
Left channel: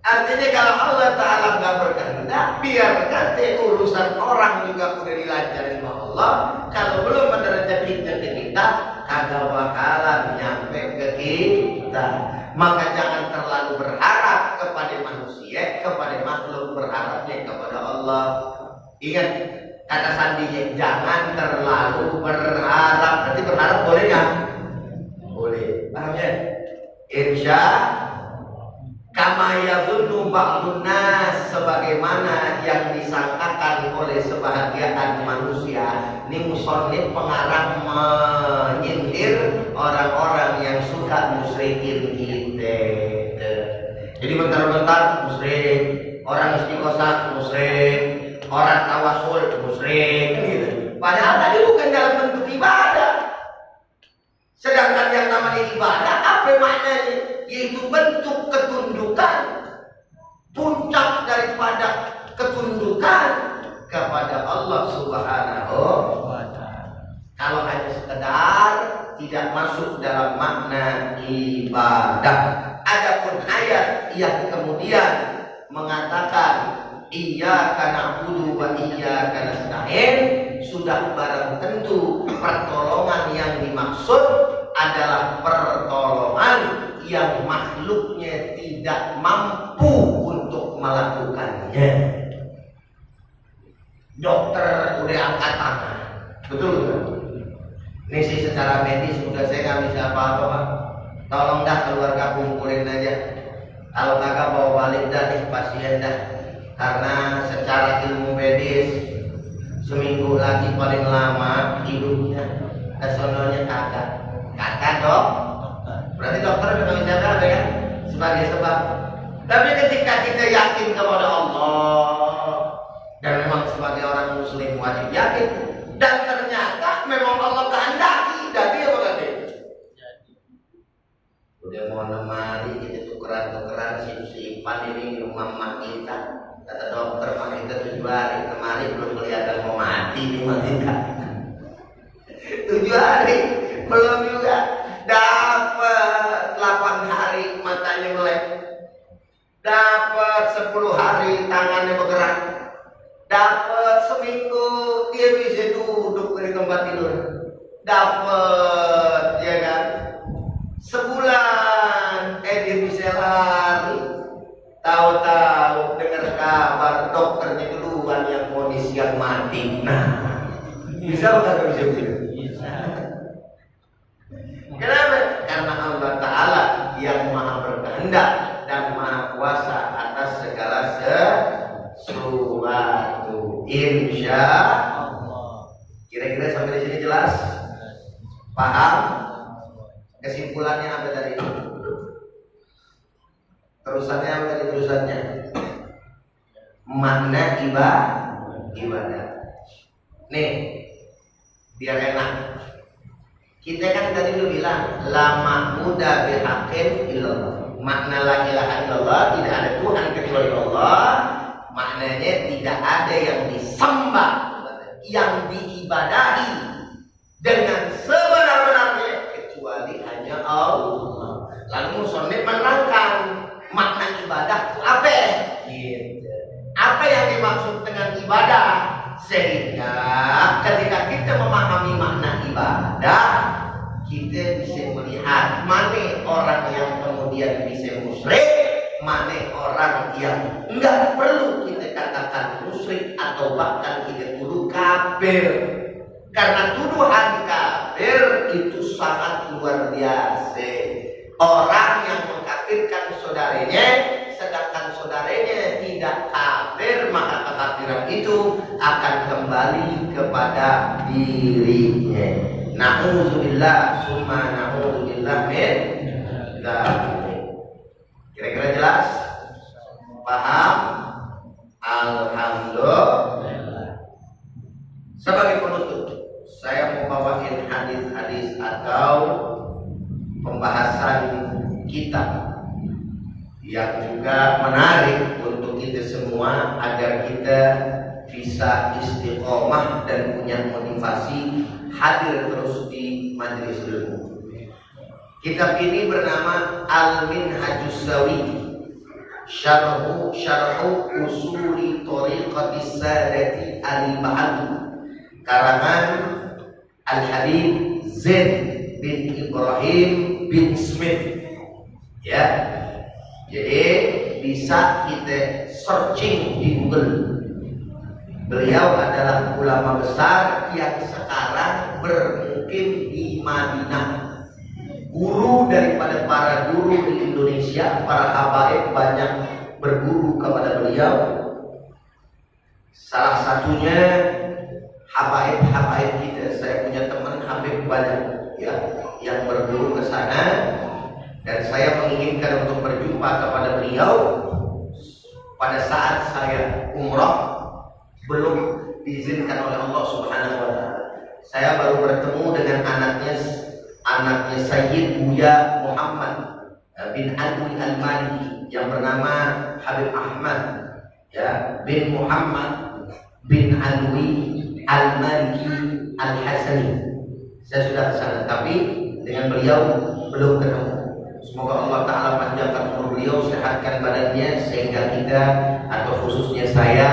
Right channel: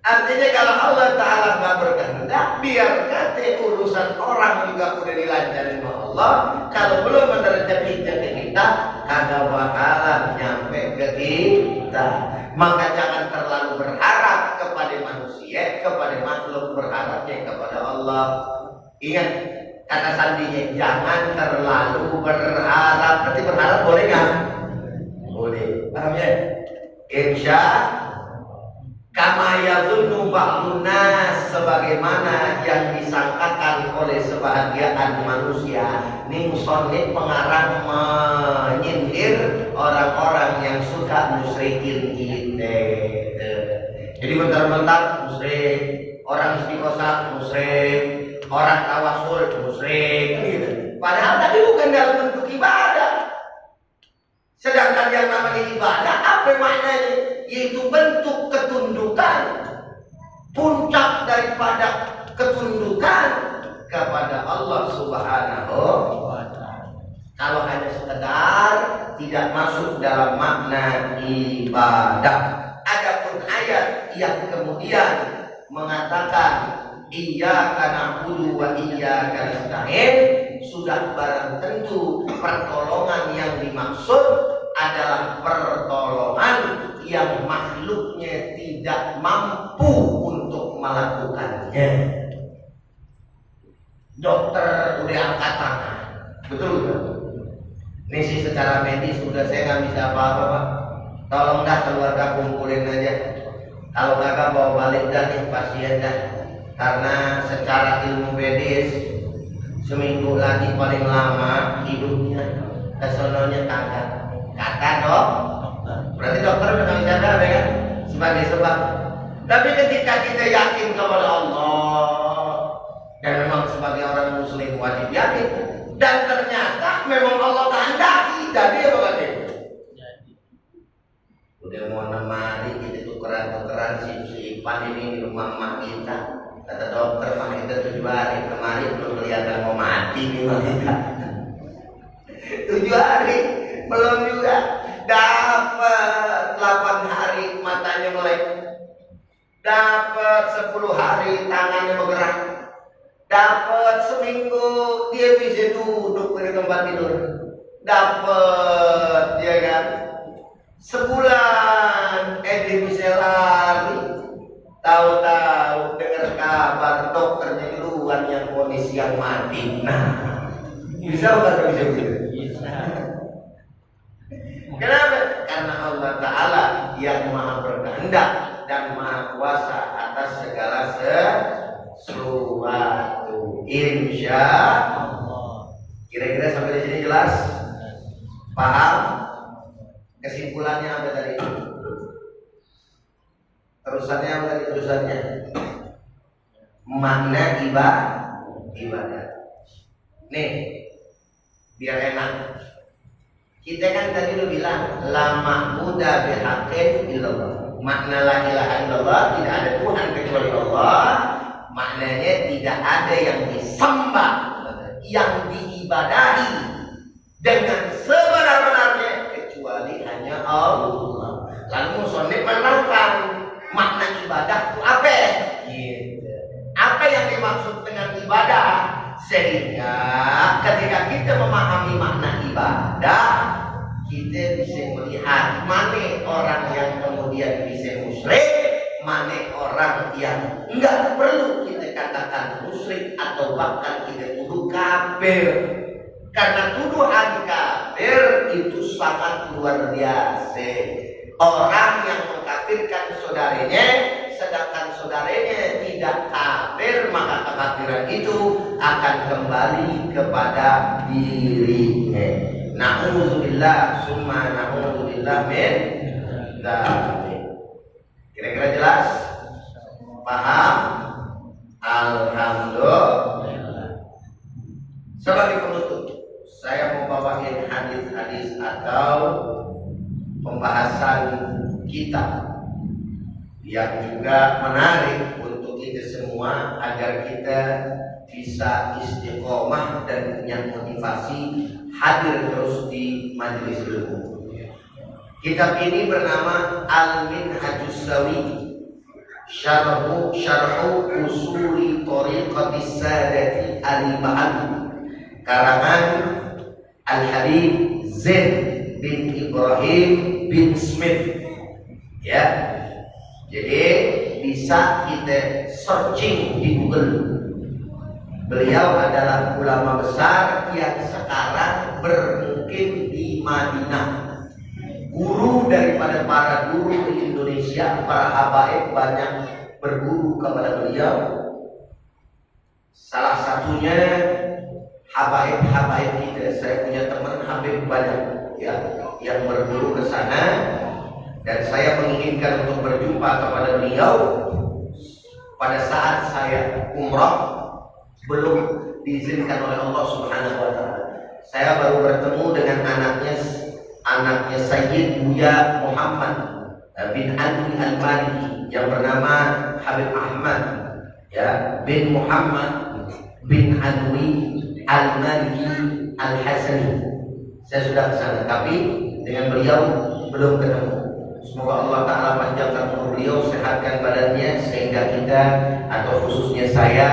Artinya kalau Allah Ta'ala nggak berkehendak, biar kata urusan orang juga udah dilancarin sama Allah. Kalau belum ada rezeki kita, kagak bakalan nyampe ke kita. Maka jangan terlalu berharap kepada manusia, kepada makhluk, berharapnya kepada Allah. Ingat kata sandinya, jangan terlalu berharap. Berarti berharap boleh nggak? Boleh. Paham ya? Insya kama yazunnu ba'dun nas, sebagaimana yang disangkakan oleh sebahagian manusia. Ini musonif pengarang menyindir orang-orang yang suka musyrikin kita. Jadi bentar-bentar musyrik, orang istiqosah musyrik, orang tawasul musyrik, gitu. Padahal tadi bukan dalam bentuk ibadah. Sedangkan yang namanya ibadah apa maknanya? Yaitu bentuk ketundukan, puncak daripada ketundukan kepada Allah Subhanahu wa Ta'ala. Kalau hanya sekedar tidak masuk dalam makna ibadah. Adapun ayat yang kemudian mengatakan iyyaka na'budu wa iyyaka nasta'in, sudah barang tentu pertolongan yang dimaksud adalah pertolongan yang makhluknya tidak mampu untuk melakukannya. Dokter udah angkat tangan, betul betul. Ini sih secara medis udah saya nggak bisa apa-apa Pak. Tolong dah keluarga kumpulin aja. Kalau kakak bawa balik dah nih pasien dah. Karena secara ilmu medis seminggu lagi paling lama hidupnya, kesononya kagak. Kata dok, berarti dokter udah nggak bisa ada kan? Sebagai sebab Tapi ketika kita yakin kepada Allah, dan memang sebagai orang muslim wajib yakin, dan ternyata memang Allah kehendaki, jadi apa kata? Udah mau nemani kita tukeran-tukeran sip-sipan ini di rumah mak kita. Kata dokter mak kita 7 hari kemarin belum kelihatan mau mati nih mak kita. 7 hari belum juga dapat 8 hari matanya melek. Dapat 10 hari tangannya bergerak. Dapat seminggu dia bisa duduk di tempat tidur. Dapat ya kan. Sebulan dia bisa lari. Tahu-tahu dengar kabar dokternya duluan yang vonis yang mati. Nah, bisa bukan bisa gitu? Bisa. Kenapa? Karena Allah Ta'ala yang maha berkehendak dan maha kuasa atas segala sesuatu. Insya Allah. Kira-kira sampai di sini jelas? Paham? Kesimpulannya apa tadi? Terusannya apa tadi terusannya? Makna ibadah. Nih, biar enak. Kita kan tadi udah bilang la ma'budu bihaqqin illallah. Makna la ilaha illallah, tidak ada Tuhan kecuali Allah. Maknanya tidak ada yang disembah, yang diibadahi dengan sebenar-benarnya kecuali hanya Allah. Lalu musannif menerangkan makna ibadah itu apa? Gitu. Apa yang dimaksud dengan ibadah? Sehingga ketika kita memahami makna ibadah, kita bisa melihat mana orang yang kemudian bisa musyrik, mana orang yang enggak perlu kita katakan musyrik atau bahkan kita tuduh kafir. Karena tuduhan kafir itu sangat luar biasa. Orang yang mengkafirkan saudaranya, sedangkan saudaranya tidak kafir, maka kekafiran itu akan kembali kepada dirinya. Na'udzubillah summa na'udzubillah min dzalik. Kira-kira jelas? Paham? Alhamdulillah. Sebagai penutup, saya mau bawain hadis-hadis atau pembahasan kitab yang juga menarik untuk kita semua agar kita bisa istiqomah dan punya motivasi hadir terus di majelis ilmu. Kitab ini bernama Al-Minhajus Sawi, Syarhu Usuli Thariqatis Sadati Al-Ba'ad, karangan Al-Habib Zain bin Ibrahim bin Smith. Ya, jadi bisa kita searching di Google. Beliau adalah ulama besar yang sekarang bermukim di Madinah. Guru daripada para guru di Indonesia, para habaib banyak berguru kepada beliau. Salah satunya habaib kita. Saya punya teman habib banyak ya yang berguru ke sana, dan saya menginginkan untuk berjumpa kepada beliau pada saat saya umrah. Belum diizinkan oleh Allah Subhanahu wa taala. Saya baru bertemu dengan anaknya Sayyid Buya Muhammad bin Alwi Al-Maliki yang bernama Habib Ahmad ya bin Muhammad bin Alwi Al-Maliki Al-Hasani. Saya sudah ke sana, tapi dengan beliau belum ketemu. Semoga Allah Ta'ala panjangkan umur beliau, sehatkan badannya, sehingga kita atau khususnya saya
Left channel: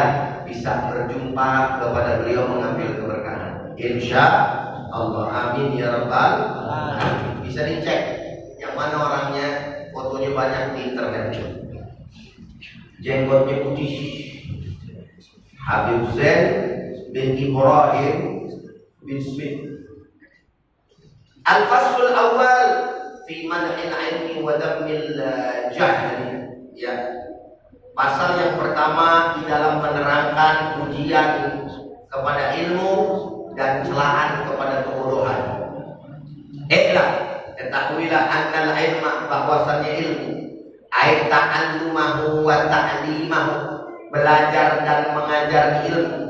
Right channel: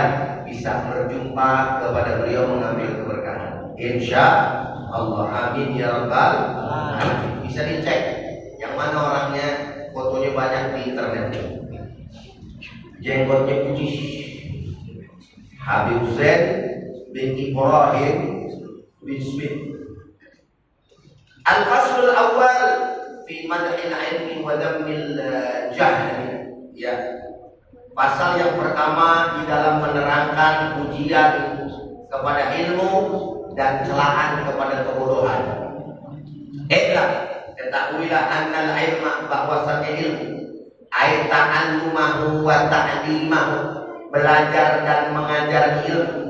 bisa berjumpa kepada beliau mengambil keberkahan. Insya Allah, amin ya rabbal alamin. Bisa dicek yang mana orangnya, fotonya banyak di internet. Jenggotnya putih, Habib Zain bin Ibrahim bin Smith. Al-Faslul Awal fi madhil ilmi wa dhammil jahli. Ya. Pasal yang pertama di dalam menerangkan pujian kepada ilmu dan celaan kepada kebodohan. Ketahuilah annal ilma, bahwasannya ilmu, ai ta'allumahu wa ta'limahu, belajar dan mengajar ilmu.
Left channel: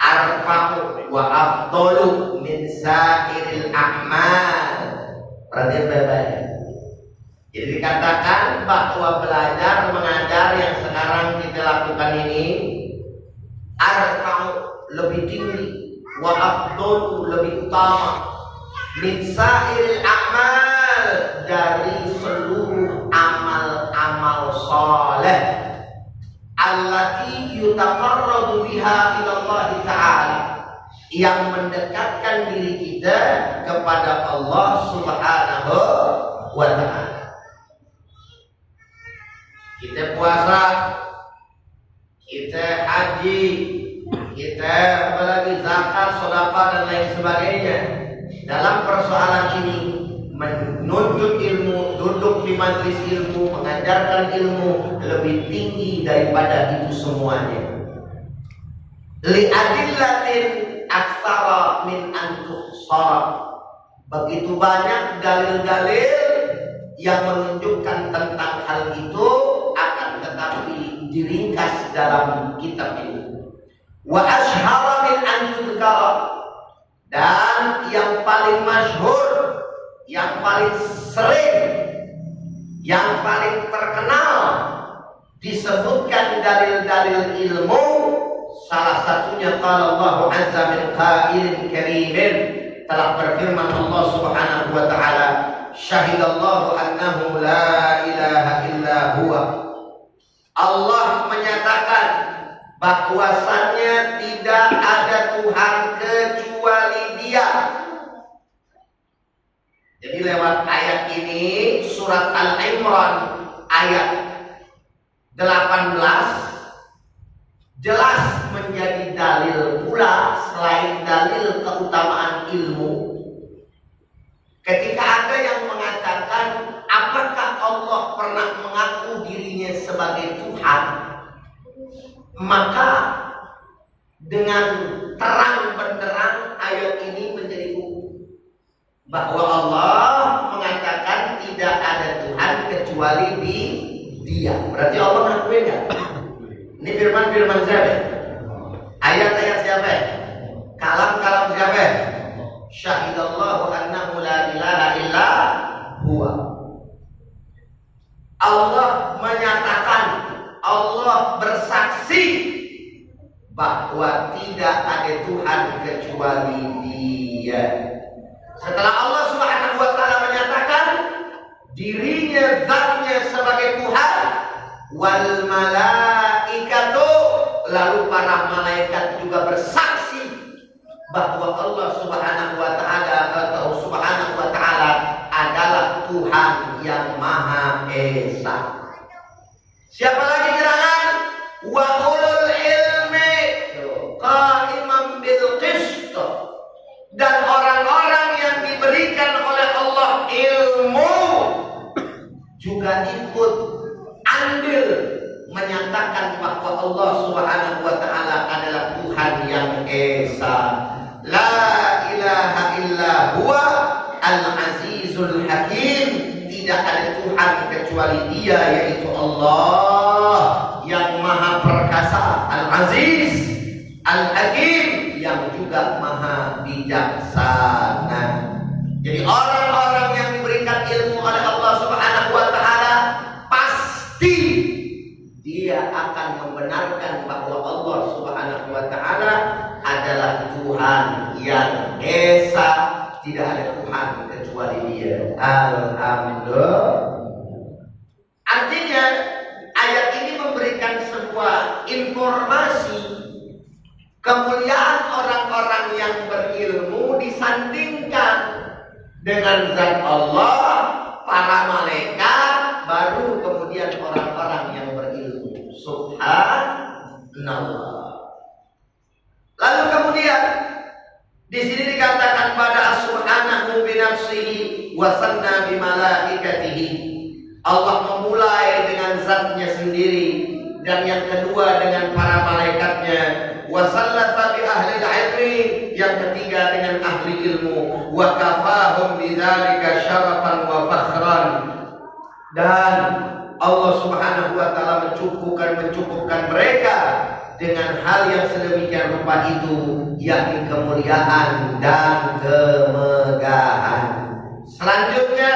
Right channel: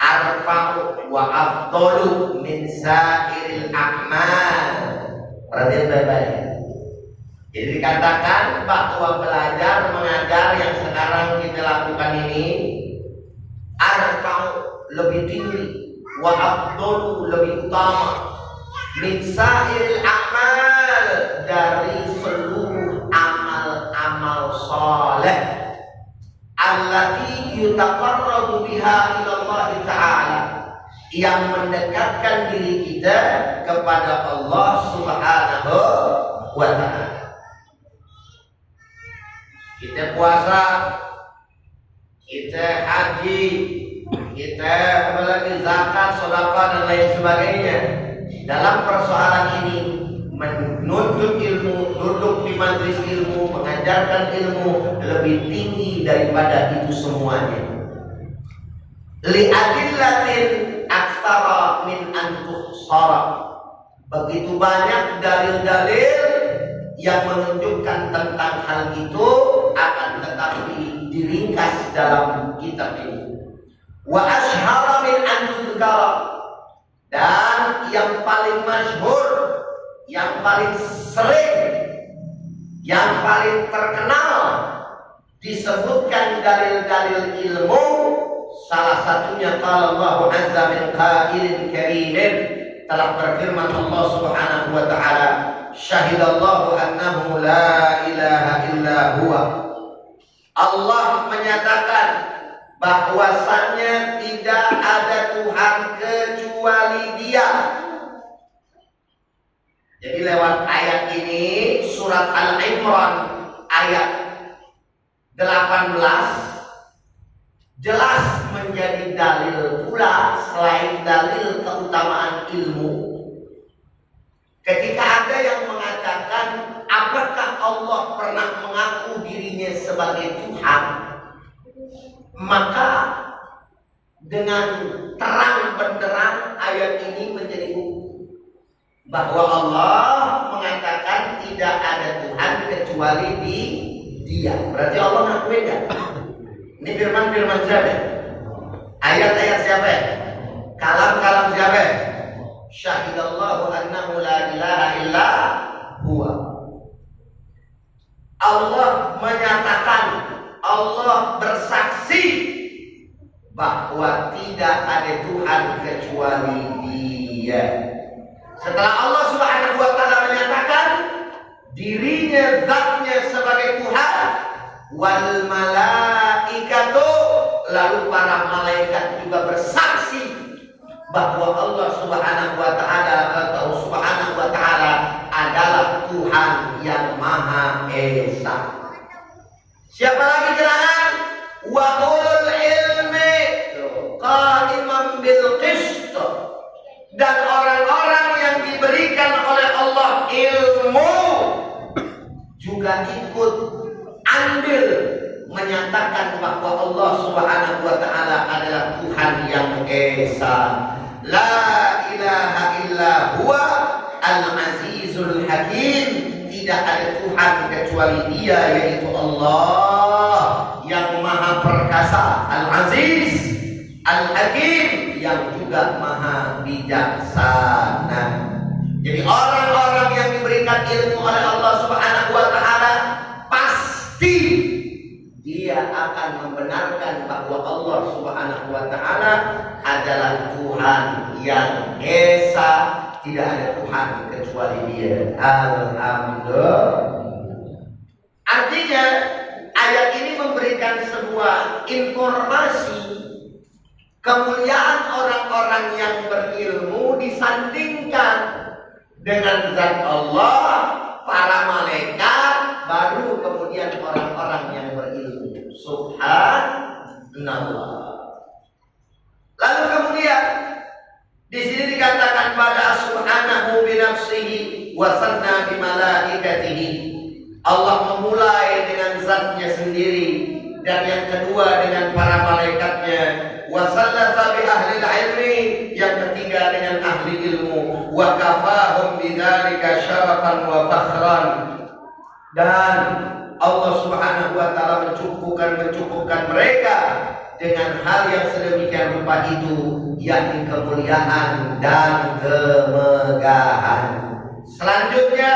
Arfa'u wa afdalu min sairil a'mal. Perhatian baik-baik. Jadi dikatakan bahwa belajar mengajar yang sekarang kita lakukan ini arfa'u, lebih tinggi, wa afdalu, lebih utama, min sairil a'mal, dari seluruh amal-amal saleh allati yutaqarrabu biha ila Allah Ta'ala, yang mendekatkan diri kita kepada Allah Subhanahu wa Ta'ala. Kita puasa, kita haji, kita apalagi zakat, sedekah dan lain sebagainya. Dalam persoalan ini menuntut ilmu, duduk di majelis ilmu, mengajarkan ilmu lebih tinggi daripada itu semuanya. Li'adillatin aktsara min an tuhsara. Begitu banyak dalil-dalil yang menunjukkan tentang hal itu, akan tetapi diringkas dalam kitab ini. Wa ashhara min an tudkara, dan yang paling masyhur, yang paling sering, yang paling terkenal disebutkan dalil-dalil ilmu, salah satunya qala Allah azza min qailin karimin, telah berfirman Allah Subhanahu wa taala, syahidallahu annahu la ilaha illa huwa. Allah menyatakan bahwasannya tidak ada Tuhan kecuali Dia. Jadi lewat ayat ini, surat Al-Imran ayat 18 jelas menjadi dalil pula, selain dalil keutamaan ilmu. Ketika ada yang mengatakan, apakah Allah pernah mengaku dirinya sebagai Tuhan? Maka dengan terang benderang ayat ini menjadi bukti bahwa Allah mengatakan tidak ada Tuhan kecuali Dia. Berarti Allah ngakuin kan? Ini firman-firman siapa? Ayat-ayat siapa? Kalam-kalam siapa? Syahidallahu annahu la ilaha illa huwa. Allah menyatakan, Allah bersaksi bahwa tidak ada Tuhan kecuali Dia. Setelah Allah Subhanahu wa taala menyatakan dirinya, zatnya sebagai Tuhan, wal malaikatu, lalu para malaikat juga bersaksi bahwa Allah Subhanahu wa taala atau Subhanahu wa taala adalah Tuhan yang Maha Esa. Siapa lagi gerangan? Wa ulul ilmi qa'iman bil qist, dan orang-orang yang diberikan oleh Allah ilmu juga ikut andil menyatakan bahwa Allah Subhanahu wa taala adalah Tuhan yang Esa. La ilaha illa huwa al-azizul hakim, tidak ada Tuhan kecuali Dia, yaitu Allah yang Maha Perkasa, Al-Aziz, Al-Hakim, yang juga Maha Bijaksana. Jadi orang-orang yang diberikan ilmu oleh Allah Subhanahu wa taala pasti dia akan membenarkan bahwa Allah Subhanahu wa taala adalah Tuhan yang Esa, tidak ada Tuhan kecuali Dia. Alhamdulillah. Artinya ayat ini memberikan sebuah informasi kemuliaan orang-orang yang berilmu disandingkan dengan zat Allah, para malaikat, baru kemudian orang-orang yang berilmu. Subhanallah. Lalu kemudian di sini dikatakan pada subhanahu bi nafsihi wa sanna bi malaikatihi. Allah memulai dengan zatnya sendiri, dan yang kedua dengan para malaikatnya. Wa sallata bi ahli ilmi, yang ketiga dengan ahli ilmu. Wa kafahum bidzalika syarafan wa fakhran, Dan Allah Subhanahu wa taala mencukupkan mereka dengan hal yang sedemikian rupa itu, yakni kemuliaan dan kemegahan. Selanjutnya,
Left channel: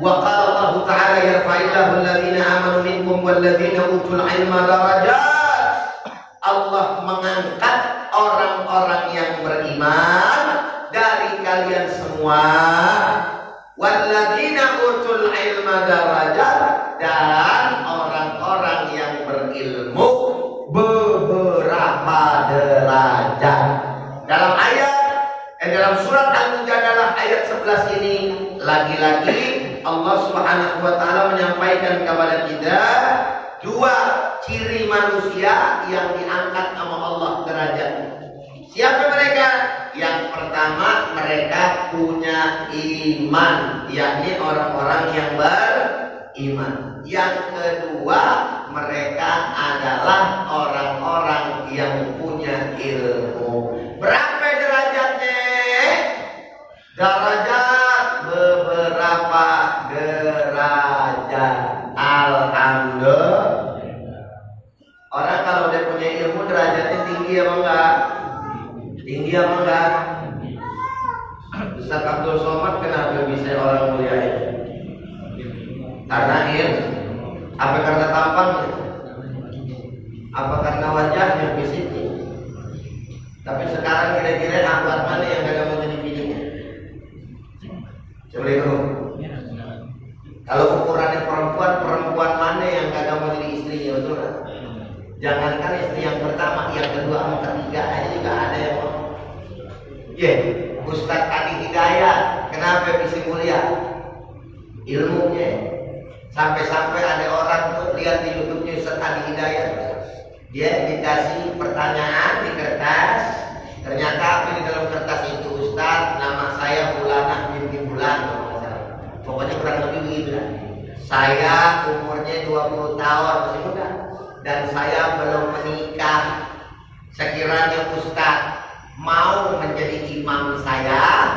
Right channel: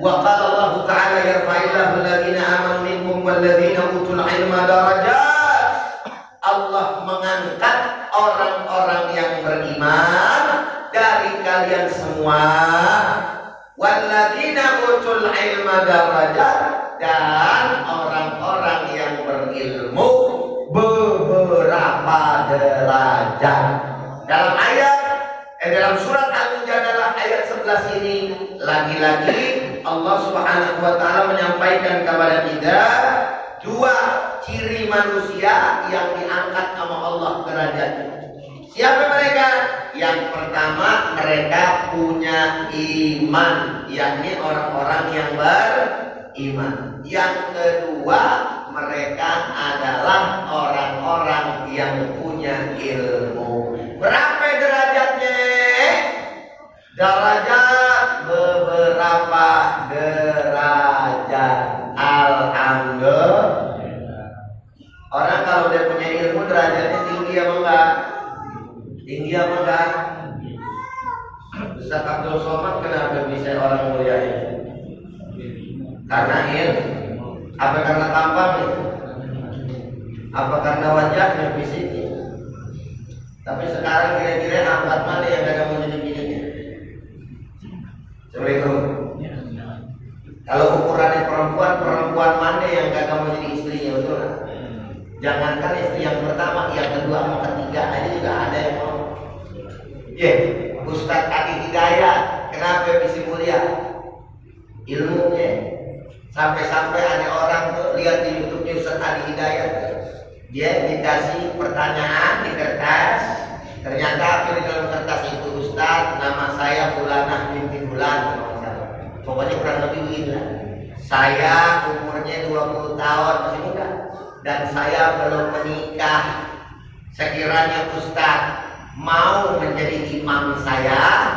wa qala Allah taala yarfa'illahu alladziina aamanu minkum walladziina utul 'ilma darajat. Allah mengangkat orang-orang yang beriman dari kalian semua, walladziina utul 'ilma darajat, dan orang-orang yang berilmu beberapa derajat. Dalam surat Al-Mujadalah ayat 11 ini lagi-lagi Allah Subhanahu wa taala menyampaikan kepada kita dua ciri manusia yang diangkat sama Allah derajatnya. Siapa mereka? Yang pertama, mereka punya iman, yakni orang-orang yang beriman. Yang kedua, mereka adalah orang-orang yang punya ilmu. Berapa derajatnya? Derajat beberapa derajat. Alhamdulillah. Orang kalau dia punya ilmu derajatnya tinggi apa enggak? Tinggi apa enggak? Ustaz Abdul Somad kenapa bisa orang mulia itu? Karena ilmu. Apa karena tampangnya? Apa karena wajahnya, fisiknya? Tapi sekarang kira-kira akhwat mana yang gak mau jadi bininya? Assalamualaikum. Kalau ukurannya perempuan mana yang gak mau jadi istrinya, betul kan? Jangankan istri yang pertama, yang kedua sama ketiga aja juga ada yang mau. Ustaz Adi Hidayat, kenapa bisa mulia? Ilmunya. Sampai-sampai ada orang tuh lihat di YouTube-nya Ustaz Adi Hidayat, dia dikasih pertanyaan di kertas, ternyata apa di dalam kertas itu, Ustaz, nama saya Fulanah binti Fulan, pokoknya kurang lebih begitu. Saya umurnya 20 tahun, masih muda, dan saya belum menikah. Sekiranya Ustaz mau menjadi imam saya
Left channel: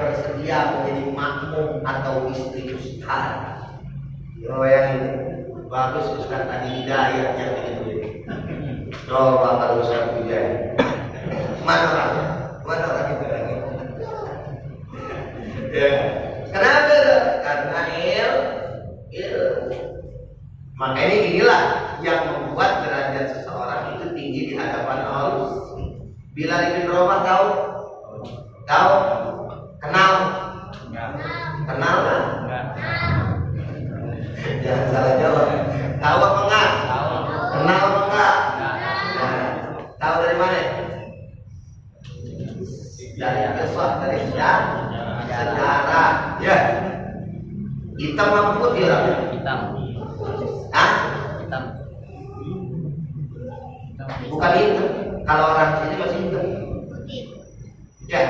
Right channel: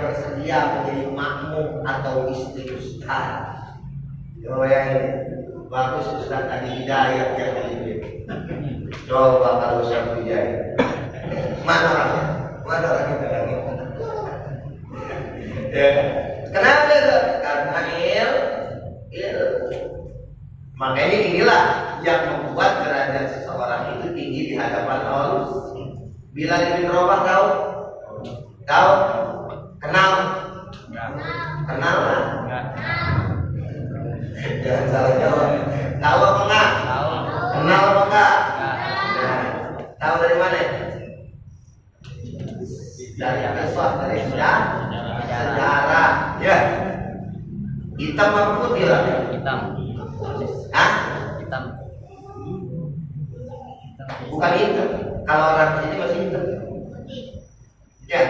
bersedia menjadi makmum atau istri Ustaz. Yang ini bagus Ustaz Adi Hidayat yang ini. Coba kalau Ustaz Hidayat, mana orangnya? Mana orang itu lagi? Ya. Kenapa? Karena ilmu. Makanya inilah yang membuat derajat seseorang itu tinggi di hadapan Allah. Bilal bin Rabah tahu? Tahu? Kenal? Kenal kan? Jangan salah jawab. Tahu apa enggak? Tahu. Kenal apa enggak? Nah, tahu dari mana? Dari kisah, dari sejarah. Ya. Hitam apa putih orangnya? Hitam. Hah? Hitam. Bukan hitam. Kalau orang sini masih hitam. Ya.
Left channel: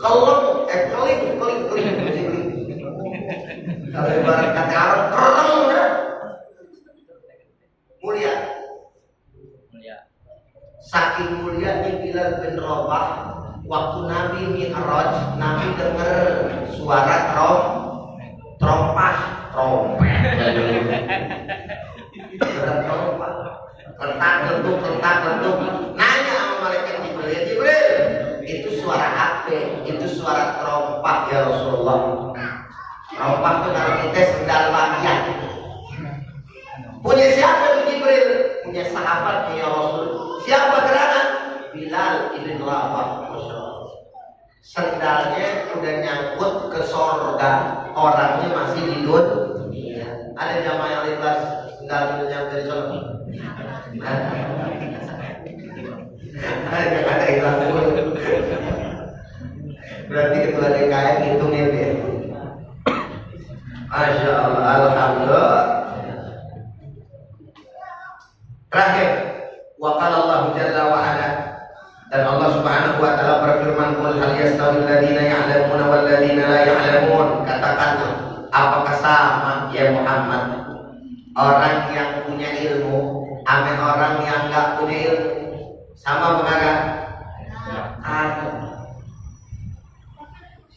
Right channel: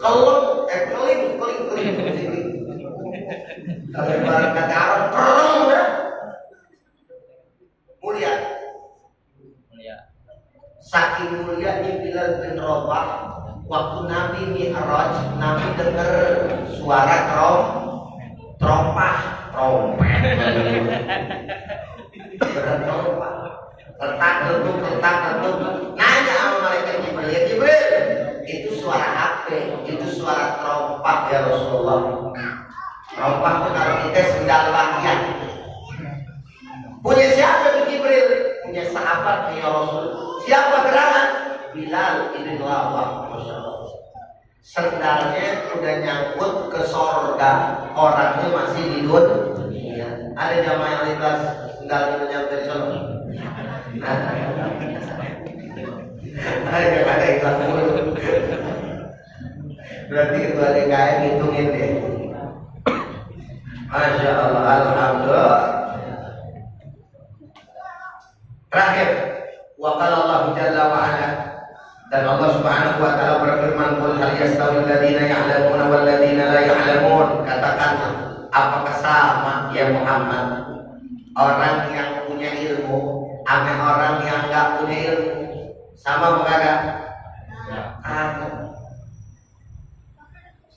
Keling. Kalau ibarat kata Arab, kereng udah. Mulia. Saking mulianya Bilal bin Rabah, waktu Nabi Mi'raj, Nabi dengar suara trompet. Letak letuk. Nanya sama malaikat Jibril, itu suara apa? Itu suara trompet ya Rasulullah. Trompet itu kalau kita sendal bagian. Punya siapa itu Jibril? Punya sahabat ya Rasul. Siapa gerangan? Bilal bin Rabah, Masya Allah. Sendalnya udah nyangkut ke sorga, orangnya masih di dunia. Ada jamaah yang ikhlas sendal nyangkut dari sorga. Ada ikhlas dulu. Berarti ketua DKM ngitungin deh. Masya Allah, alhamdulillah. Terakhir, wa qala Allah jalla wa ala, dan Allah Subhanahu wa taala berfirman, qul hal yastawil ladzina ya'lamuna wal ladzina la ya'lamun. Katakanlah, apakah sama ya Muhammad orang yang punya ilmu sama orang yang enggak punya ilmu? Sama apa enggak?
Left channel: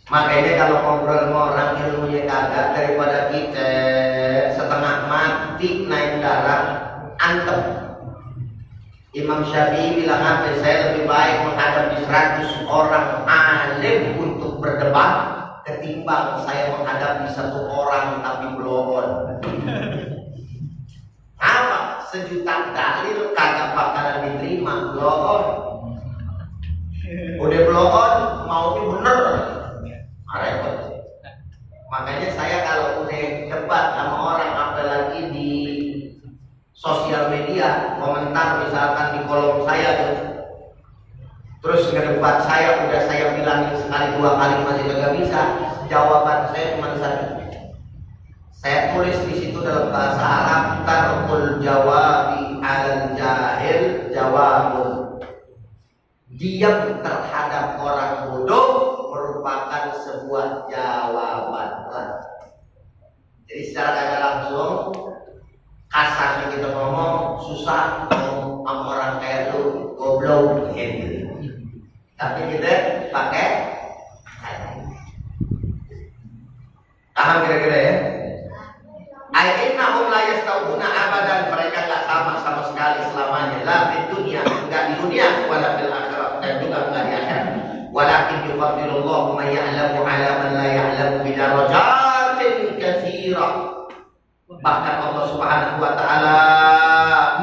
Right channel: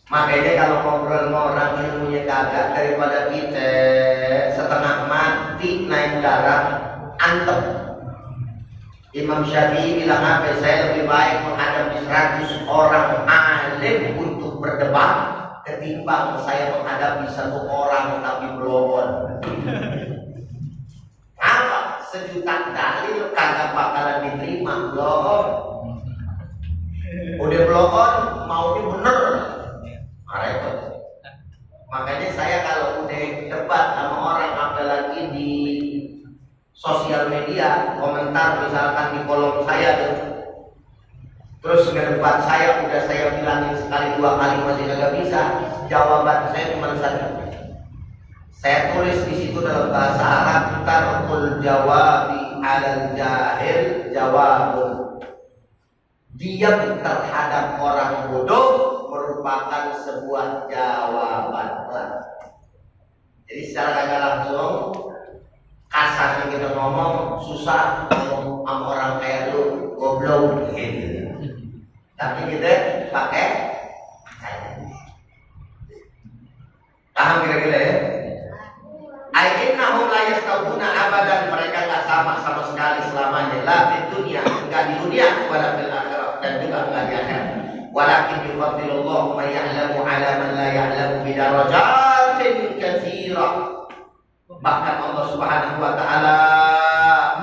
Makanya kalau ngobrol sama orang ilmunya kagak, daripada kita setengah mati naik darah antem. Imam Syafi'i bilang apa? Saya lebih baik menghadapi 100 orang alim untuk berdebat ketimbang saya menghadapi 1 orang tapi belon. Apa? 1 juta dalil kagak bakalan diterima, belon. Udah belon, maunya bener. Repot. Makanya saya kalau udah debat sama orang, apalagi di sosial media, komentar misalkan di kolom saya tuh, terus ngedebat saya, udah saya bilangin sekali 2 kali masih gak bisa, jawaban saya cuma 1. Saya tulis di situ dalam bahasa Arab, tarkul jawabi alal jahil jawabun. Diam terhadap orang bodoh merupakan sebuah jawaban. Jadi secara kagak langsung, kasarnya kita ngomong susah sama orang kayak lu, goblok gitu. Tapi kita pakai saya. Paham kira-kira ya? Ainnahum la yastawuna abadan, mereka enggak sama sekali selamanya. La di dunia, enggak di dunia, wala fil akhirat, dan juga enggak di akhirat. Walakin yufaddilullahu man ya'lamu 'ala man la ya'lamu bi darajatin katsirah. Bahkan Allah Subhanahu wa taala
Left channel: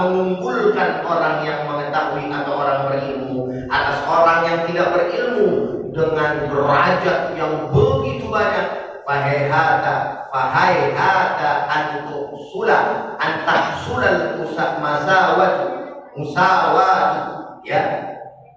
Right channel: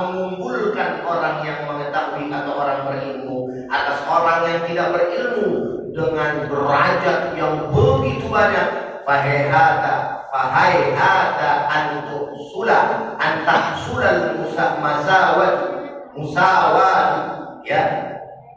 mengunggulkan orang yang mengetahui atau orang berilmu atas orang yang tidak berilmu dengan derajat yang begitu banyak. Fahayhata antahsulal musawat, ya,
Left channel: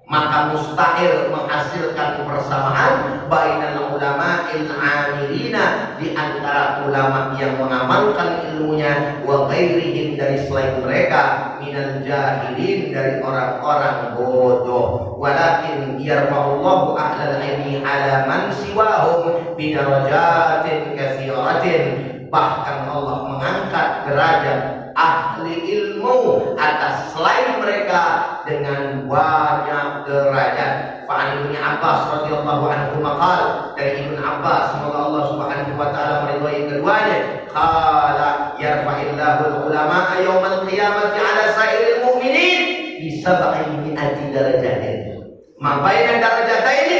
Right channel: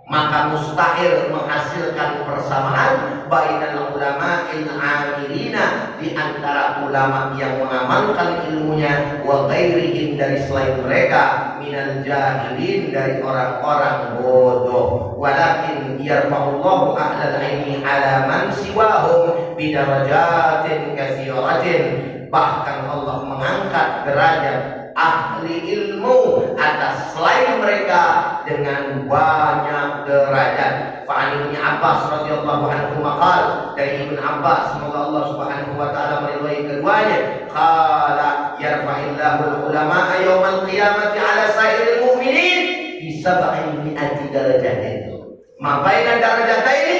maka mustahil menghasilkan persamaan bainal ulama'il amilina, di antara ulama yang mengamalkan ilmunya, wa ghairihim, dari selain mereka, minal jahilin, dari orang-orang bodoh. Walakin yarfa'ullahu ahlal ilmi ala man siwahum bidarajatin katsiratin. Bahkan Allah mengangkat derajat ahli ilmu atas selain mereka dengan banyak derajat. Fa'an Ibnu Abbas radhiyallahu anhu maqal, dari Ibnu Abbas, semoga Allah Subhanahu wa taala meridhai keduanya, qala yarfa'illahu al-ulama'a yaumal qiyamati 'ala sa'iril mu'minin bi 700 darajatin. Ma baina darajataini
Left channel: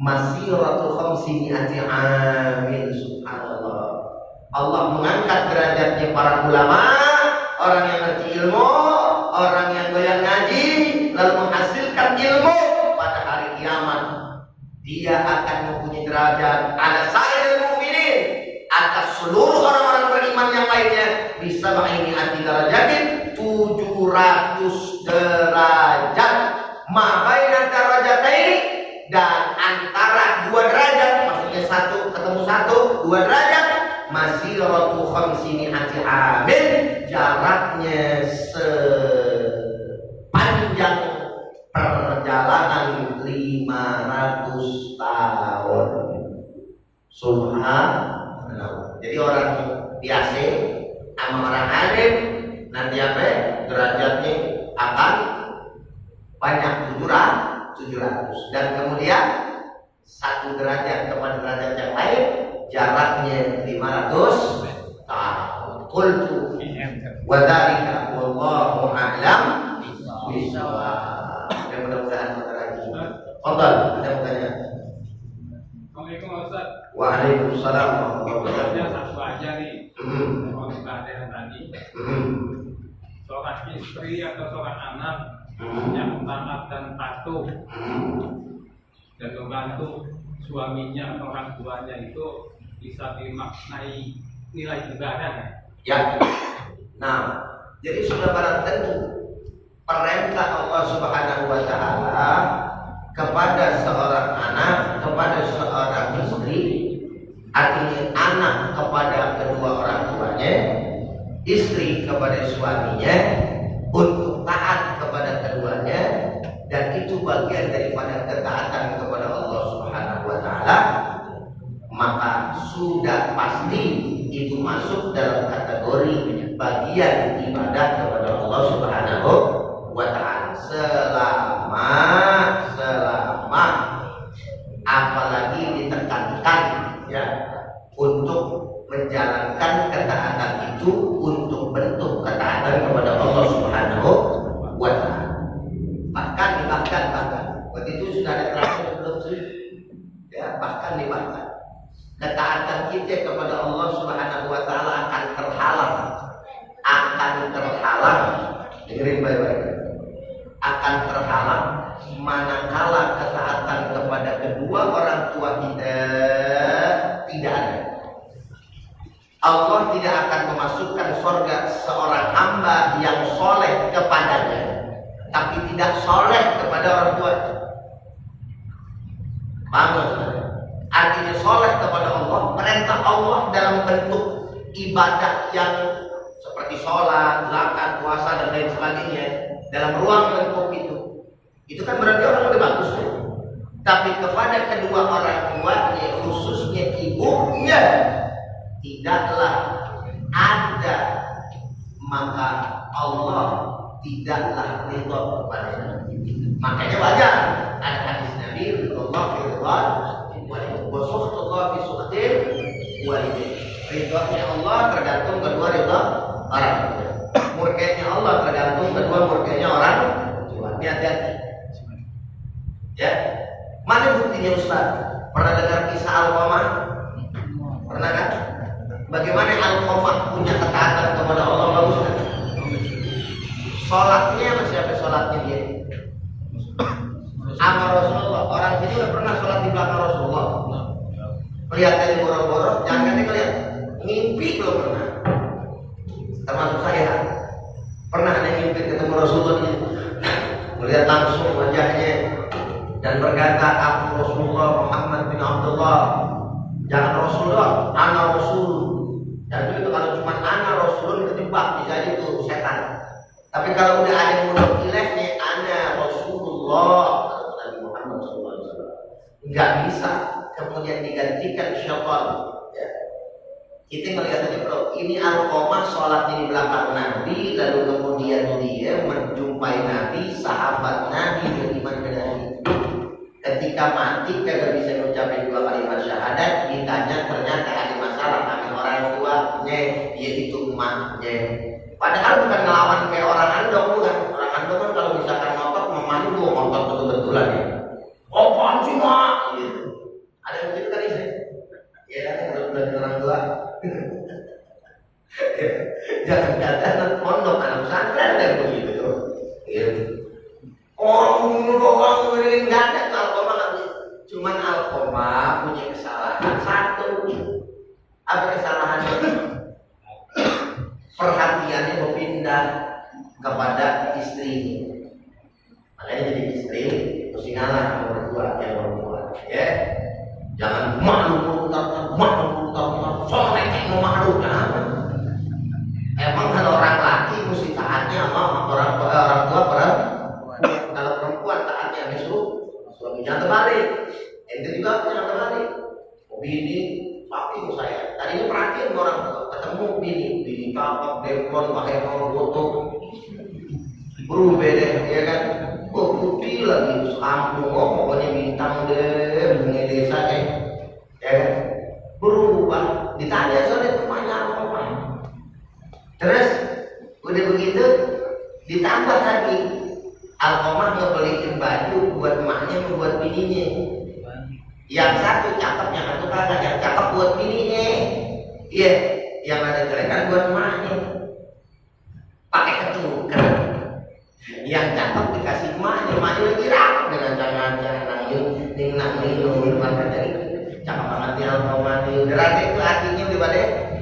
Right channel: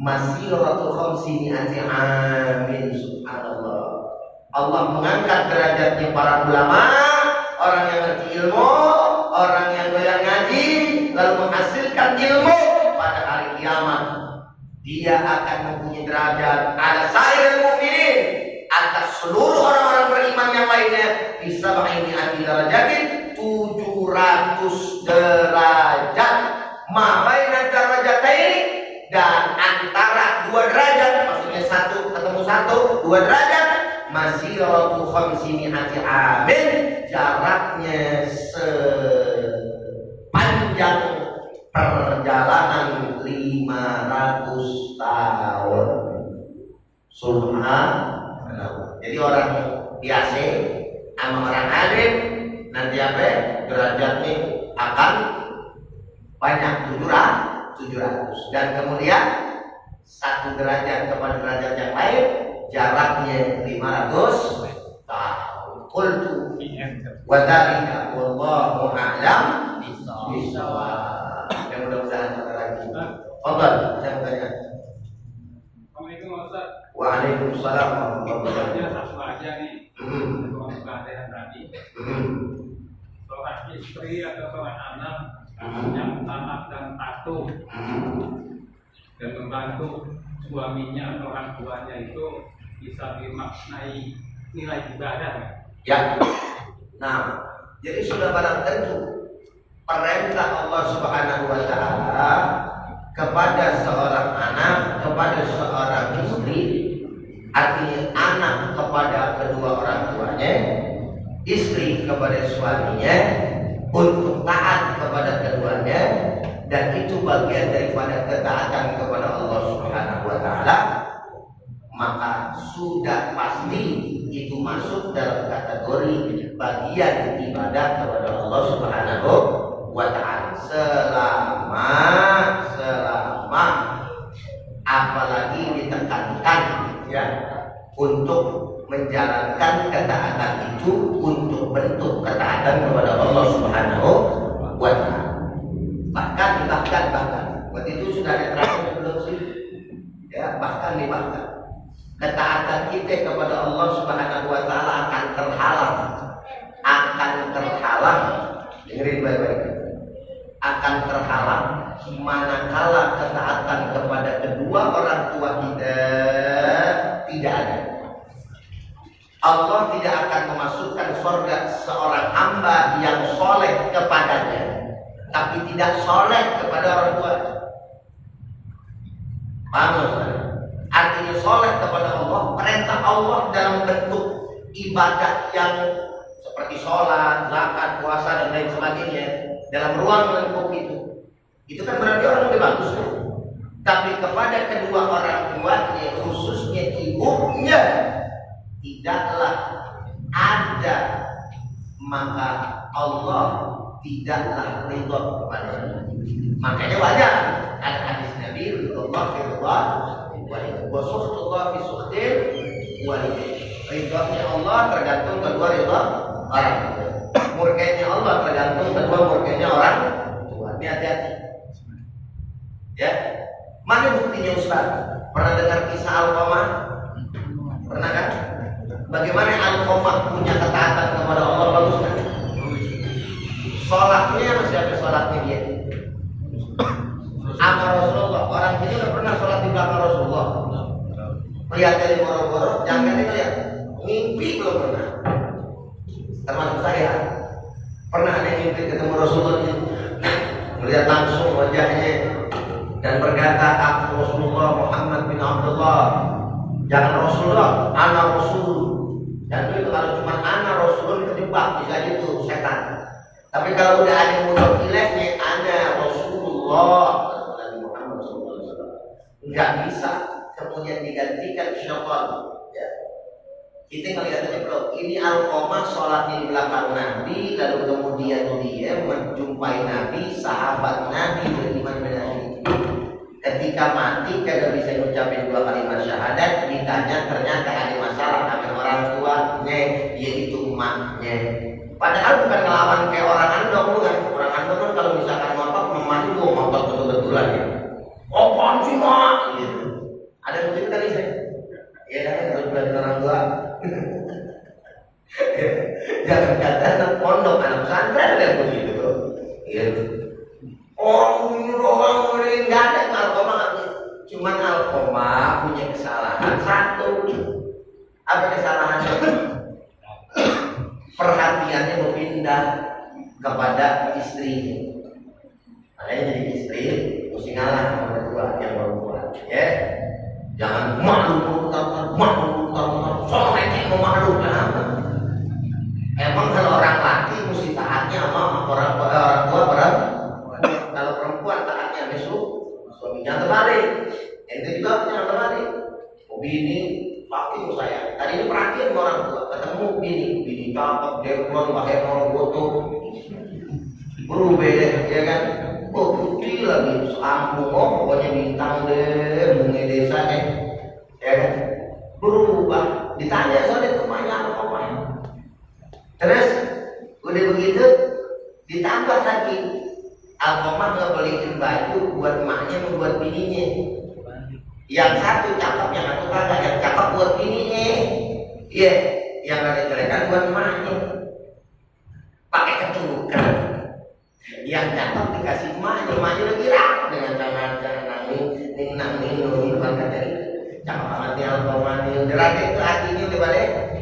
masiratu 500 amin. Subhanallah. Allah mengangkat derajatnya para ulama, orang yang ngerti ilmu, orang yang doyan ngaji, lalu menghasilkan ilmu. Pada hari kiamat dia akan mempunyai derajat ala sairil mu'minin, atas seluruh orang-orang beriman yang lainnya, bisa ini anti darajatin 700 derajat. Ma baina darajataini, dan antara 2 derajat, maksudnya 1 ketemu 1, 2 derajat, masiratu 500 amin, jaraknya sepanjang perjalanan 500 tahun. Subhanallah. Jadi orang biasa sama orang alim nanti apa? Derajatnya akan banyak, 700. Dan kemudian 1 derajat kepada derajat yang lain jaraknya 500 tahun. Qultu wa dzalika wallahu a'lam bishawab. Mudah-mudahan lagi. Fadhal, ada yang bertanya. Assalamualaikum Ustaz. Waalaikumsalam warahmatullahi wabarakatuh. Satu aja nih. Soal tadi. Seorang istri atau seorang anak yang taat dan patuh dan membantu suaminya atau orang tuanya itu bisa dimaknai nilai ibadah ya? Ya. Nah, jadi sudah barang tentu perintah Allah Subhanahu wa taala kepada seorang anak, kepada seorang istri, artinya anak kepada kedua orang tuanya, istri kepada suaminya, untuk taat kepada keduanya, dan itu bagian daripada ketaatan kepada Allah Subhanahu wa taala. Maka sudah pasti itu masuk dalam kategori bagian ibadah kepada Allah Subhanahu wa taala, selama apalagi ditekankan ya untuk menjalankan ketaatan itu untuk bentuk ketaatan kepada Allah Subhanahu wa Ta'ala. Bahkan waktu itu sudah ada terakhir belum sih? Ya, bahkan ketaatan kita kepada Allah Subhanahu wa Ta'ala akan terhalang. Dengerin baik-baik. Akan terhalang manakala ketaatan kepada kedua orang tua kita tidak ada. Allah tidak akan memasukkan surga seorang hamba yang soleh kepadanya, tapi tidak soleh kepada orang tua. Paham? Artinya soleh kepada Allah, perintah Allah dalam bentuk ibadah yang seperti sholat, zakat, puasa dan lain sebagainya dalam ruang lingkup itu kan berarti orang udah bagus ya? Tapi kepada kedua orang tuanya, khususnya ibunya, tidaklah ada, maka Allah tidaklah ridha kepadanya. Makanya wajar ada hadis Nabi ridha fi ridha wa sukhtullah fi sukhtil walidain. Ridhanya Allah tergantung kedua ridha orang tua. Murkanya Allah tergantung kedua murkanya orang tua. Ini hati-hati. Ya. Mana buktinya Ustaz? Pernah dengar kisah Alqamah? Pernah kan? Bagaimana Alqamah punya ketaatan kepada Allah, bagus kan? Sholatnya masih ada sholatnya dia. Sama Rasulullah. Orang sini udah pernah sholat di belakang Rasulullah. Lihat dari boro-boro, jangan ngeliat. Mimpi belum pernah. Termasuk saya. Pernah ada yang mimpi ketemu Rasulullah, melihat langsung wajahnya dan berkata, aku Rasulullah Muhammad bin Abdullah. Jangan Rasulullah, ana Rasul. Dan itu kalau cuma ana Rasul terjebak, bisa itu setan. Tapi kalau udah ada yang mudah ilahnya, ana Rasulullah Nabi Muhammad SAW, nggak bisa kemudian digantikan syaitan. Ya. Kita ngelihat aja bro, ini Alqamah sholatnya di belakang Nabi, lalu kemudian dia menjumpai Nabi, sahabat Nabi, beriman dengan Nabi. Ketika mati kagak bisa ngucapin 2 kalimat syahadat, ditanya ternyata ada masalah sama orang tuanya, yaitu emaknya. Padahal bukan ngelawan kayak orang andong, bukan. Orang andong kan kalau misalkan ngotot, memang itu ngotot betul-betulan ya. Apaan sih mak? Gitu. Ada yang begitu tadi saya. Ya kan harus belajar orang tua. Jangan kata anak pondok, anak pesantren ada yang begitu tuh. Gitu. Orang nggak ada Alqamah nggak punya. Cuman Alqamah punya kesalahan satu. Apa kesalahannya? Perhatiannya berpindah kepada istrinya. Makanya jadi istri mesti ngalah sama berdua yang perempuan. Ya, jangan malu soalnya kayak mau malu kenapa? Emang kalau orang laki mesti taatnya sama orang tua perempuan. Kalau perempuan taatnya sama suaminya terbalik. Itu juga yang terbalik. Bini saking saya. Tadinya perhatian sama orang tua, ketemu bini cakep, deplon, pakai mau foto. Berubah deh, ya kan? Oh putih lagi, sekampung, pokoknya bintang deh, bunga desa ya kan? Berubah. Ditanya soalnya rumahnya apa? Terus udah begitu ditambah lagi. Alqamah ngebeliin baju buat emaknya membuat bininya. Yang satu cakep, yang satu kagak. Yang cakep buat bininya. Iya, yang ada jelekan buat emaknya. Pakai ketuker. Yang cakep dikasih emaknya lagi rapi dengan jangan nanging makan dari cakep banget ya Alqamah. Udah rapi itu hatinya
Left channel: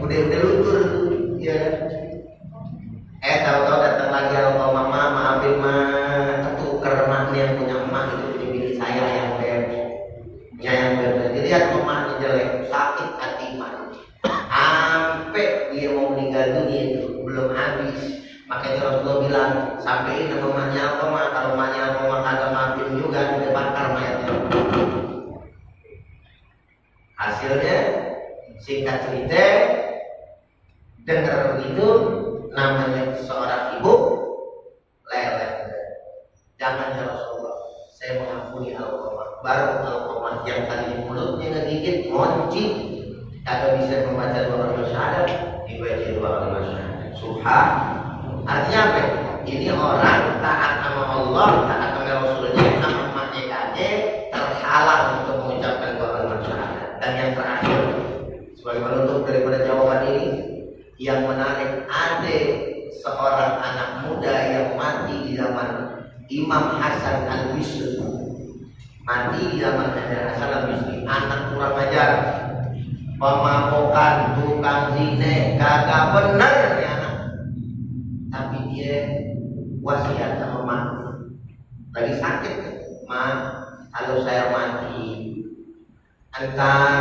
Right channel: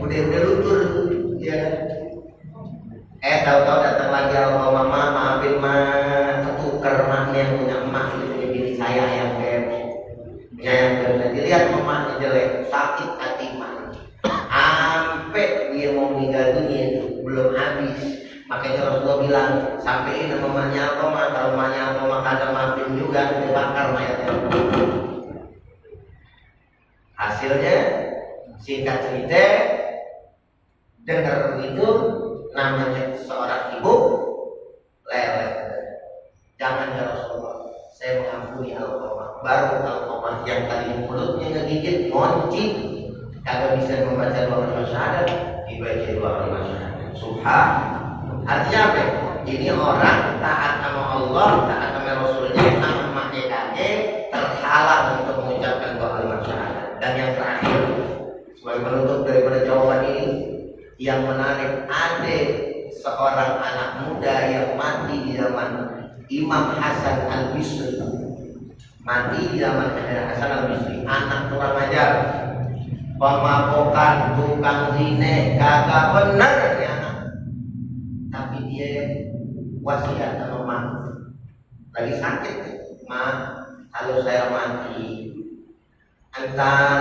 udah luntur tuh. Iya. Tahu-tahu datang lagi Alqamah, maafin mah, ketuker maknya yang punya emak itu punya bini saya yang jadi lihat emaknya jelek, sakit hati emaknya. Sampai dia mau meninggal dunia itu belum habis. Makanya Rasulullah bilang, sampein sama emaknya Alqamah, kalau emaknya Alqamah kagak maafin juga, dia bakar mayatnya. Hasilnya singkat cerita, dengar begitu. Namanya seorang ibu leleh. Jangan ya Rasulullah, saya mengampuni Alqamah. Baru Alqamah yang tadi mulutnya ngegigit, ngonci, kagak bisa membaca dua kalimat syahadat, dibaca dua kalimat syahadat. Subhan. Artinya apa? Ini orang taat sama Allah, taat sama Rasulnya, sama emaknya kakek, terhalang untuk mengucapkan dua kalimat syahadat. Dan yang terakhir, sebagai penutup daripada jawaban ini, yang menarik, ada seorang anak muda yang mati di zaman Imam Hasan Al-Bisri. Mati di zaman Hasan Al-Bisri, anak kurang ajar, pemakokan, tukang zina, kagak benar ya anak. Tapi dia wasiat sama mak, lagi sakit, mak, kalau saya mati, antar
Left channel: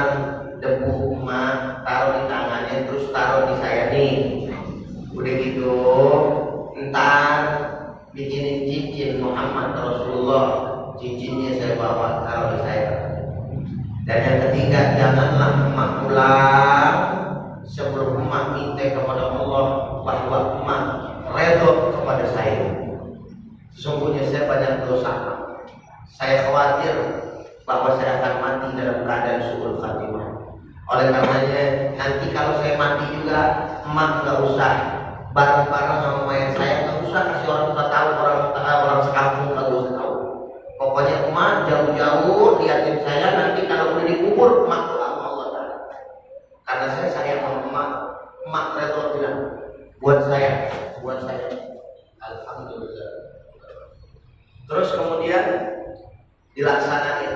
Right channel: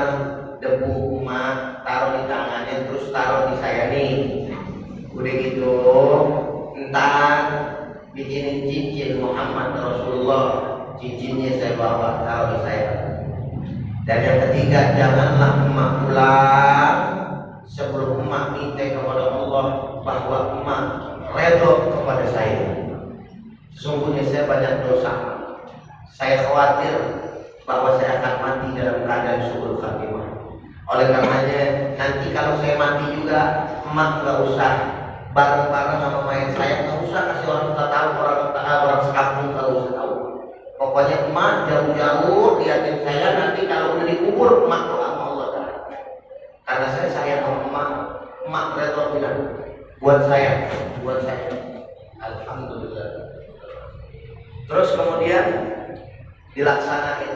debu mak taruh di tangannya, terus taruh di saya nih. Udah gitu, entar bikinin cincin Muhammad Rasulullah, cincinnya saya bawa taruh di saya. Dan yang ketiga, janganlah emak pulang sebelum emak minta kepada Allah bahwa emak redho kepada saya. Sesungguhnya saya banyak dosa, saya khawatir bahwa saya akan mati dalam keadaan su'ul khatimah. Oleh karenanya nanti kalau saya mati juga, emak nggak usah bareng-bareng sama mayat saya, nggak usah kasih orang tahu, orang sekampung nggak usah tahu. Pokoknya emak jauh-jauh liatin saya, nanti kalau udah dikubur emak doa sama Allah Ta'ala. Karena saya sayang sama emak redho bilang buat saya. Alhamdulillah. Terus kemudian dilaksanakan.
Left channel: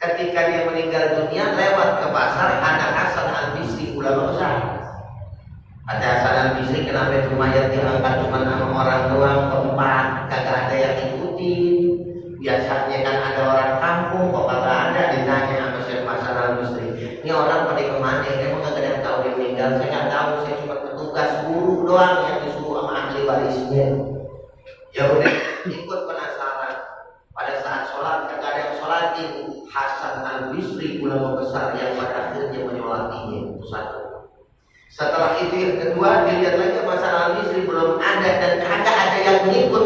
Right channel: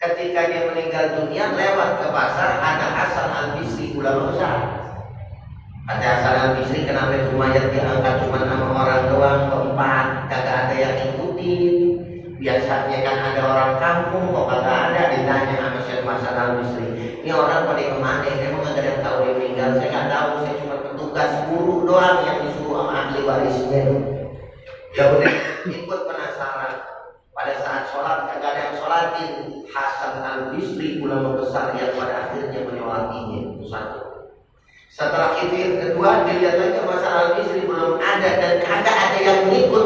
Ketika dia meninggal dunia, lewat ke pasar ada Hasan Al-Bisri, ulama besar. Ada Hasan Al-Bisri, kenapa itu mayat diangkat cuma sama orang doang, keempat, kagak ada yang ikutin. Biasanya kan ada orang kampung, kok kagak ada. Ditanya sama Syekh Hasan Al-Bisri, ini orang pada kemana? Emang kagak ada yang tahu dia meninggal? Saya nggak tahu, saya cuma petugas guru doang yang disuruh sama ahli warisnya. Ya udah, ikut penasaran. Pada saat sholat kagak ada yang sholatin. Hasan Al-Bisri, ulama besar yang pada akhirnya menyolatinya. Itu satu. Setelah itu yang kedua, dilihat lagi Hasan Al-Bisri belum ada dan kagak ada yang mengikut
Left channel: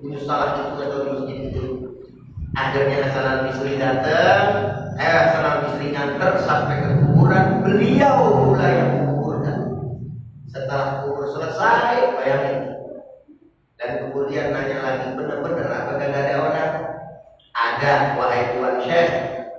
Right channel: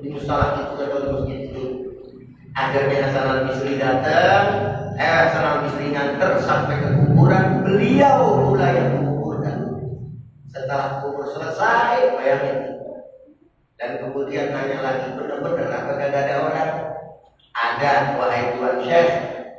di musalah itu atau di masjid itu. Akhirnya Hasan Al-Bisri datang, Hasan Al-Bisri nganter sampai ke kuburan, beliau pula yang menguburkan. Setelah kubur selesai, bayangin. Dan kemudian nanya lagi, benar-benar apa kagak ada orang? Ada, wahai Tuan Syekh,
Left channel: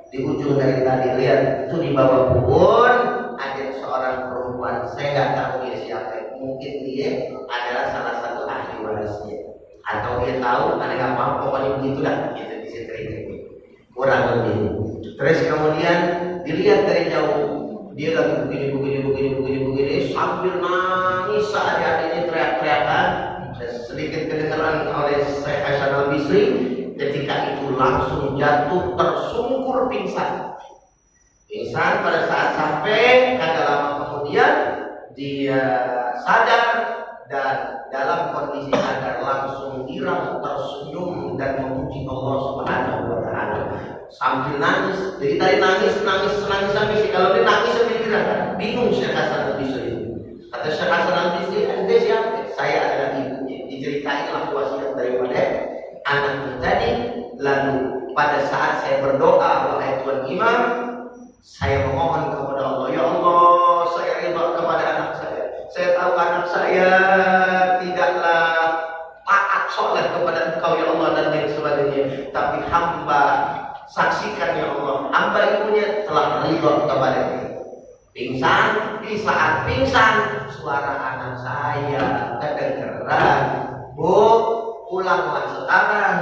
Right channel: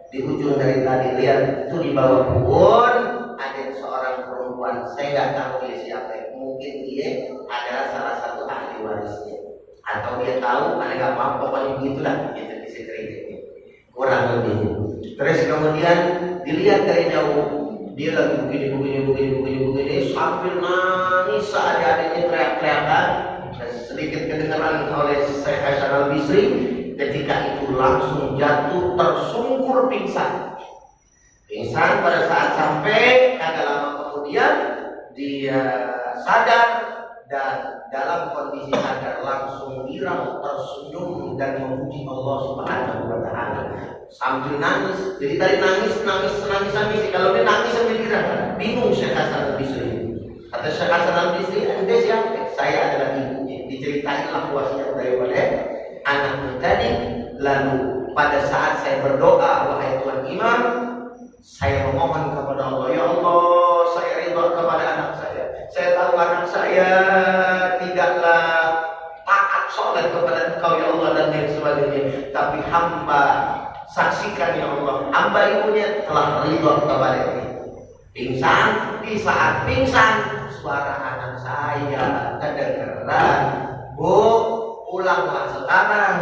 di ujung dari tadi lihat itu di bawah pohon ada seorang perempuan. Saya nggak tahu dia siapa. Mungkin dia adalah salah satu ahli warisnya, atau dia tahu, ada nggak apa, pokoknya begitu dah. Gitu disetrika kurang lebih. Terus kemudian dilihat dari jauh, dia lagi begini sambil nangis seadanya teriak-teriakan. Sedikit kedengaran oleh Syekh Hasan Al-Bisri, ketika itu langsung jatuh tersungkur pingsan. Pada saat sampai, kagak lama kemudian dia sadar, dan dalam kondisi sadar langsung girang, tersenyum dan memuji Allah Subhanahu wa Ta'ala sambil nangis. Jadi tadi nangis. Kalau dia nangis sambil girang, bingung Syekh Hasan Al-Bisri. Kata Syekh Hasan Al-Bisri, Anda siapa? Saya adalah ibunya. Diceritainlah wasiat daripada anaknya tadi. Lalu pada saat saya berdoa, wahai Tuan Imam, saya memohon kepada Allah, ya Allah, saya ridha kepada anak saya. Saya tahu anak saya tidaklah taat soleh kepada Engkau ya Allah dan lain sebagainya, tapi hamba saksikan ya Allah, hamba ibunya telah ridha kepadanya. Pingsan, di saat pingsan suara anak saya kedengeran, Bu, pulanglah sekarang.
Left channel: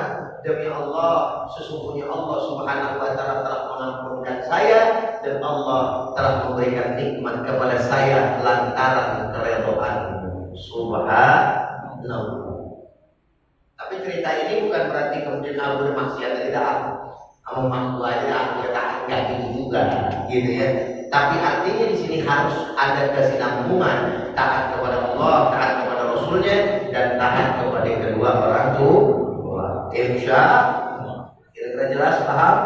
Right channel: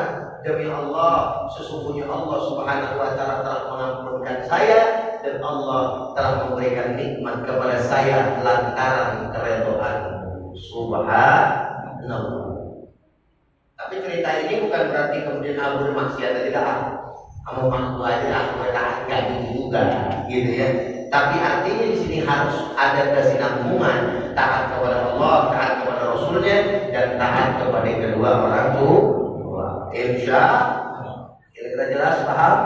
Demi Allah, sesungguhnya Allah Subhanahu wa Ta'ala telah mengampunkan saya, dan Allah telah memberikan nikmat kepada saya lantaran keridhaan-Mu. Subhanallah. Tapi cerita ini bukan berarti kemudian aku bermaksiat, tidak. Kamu mampu aja, aku taat kayak gitu juga, gitu ya. Tapi artinya di sini harus ada kesinambungan, taat kepada Allah, taat kepada Rasulnya, dan taat kepada kedua orang tua. Insya kira-kira jelas, paham?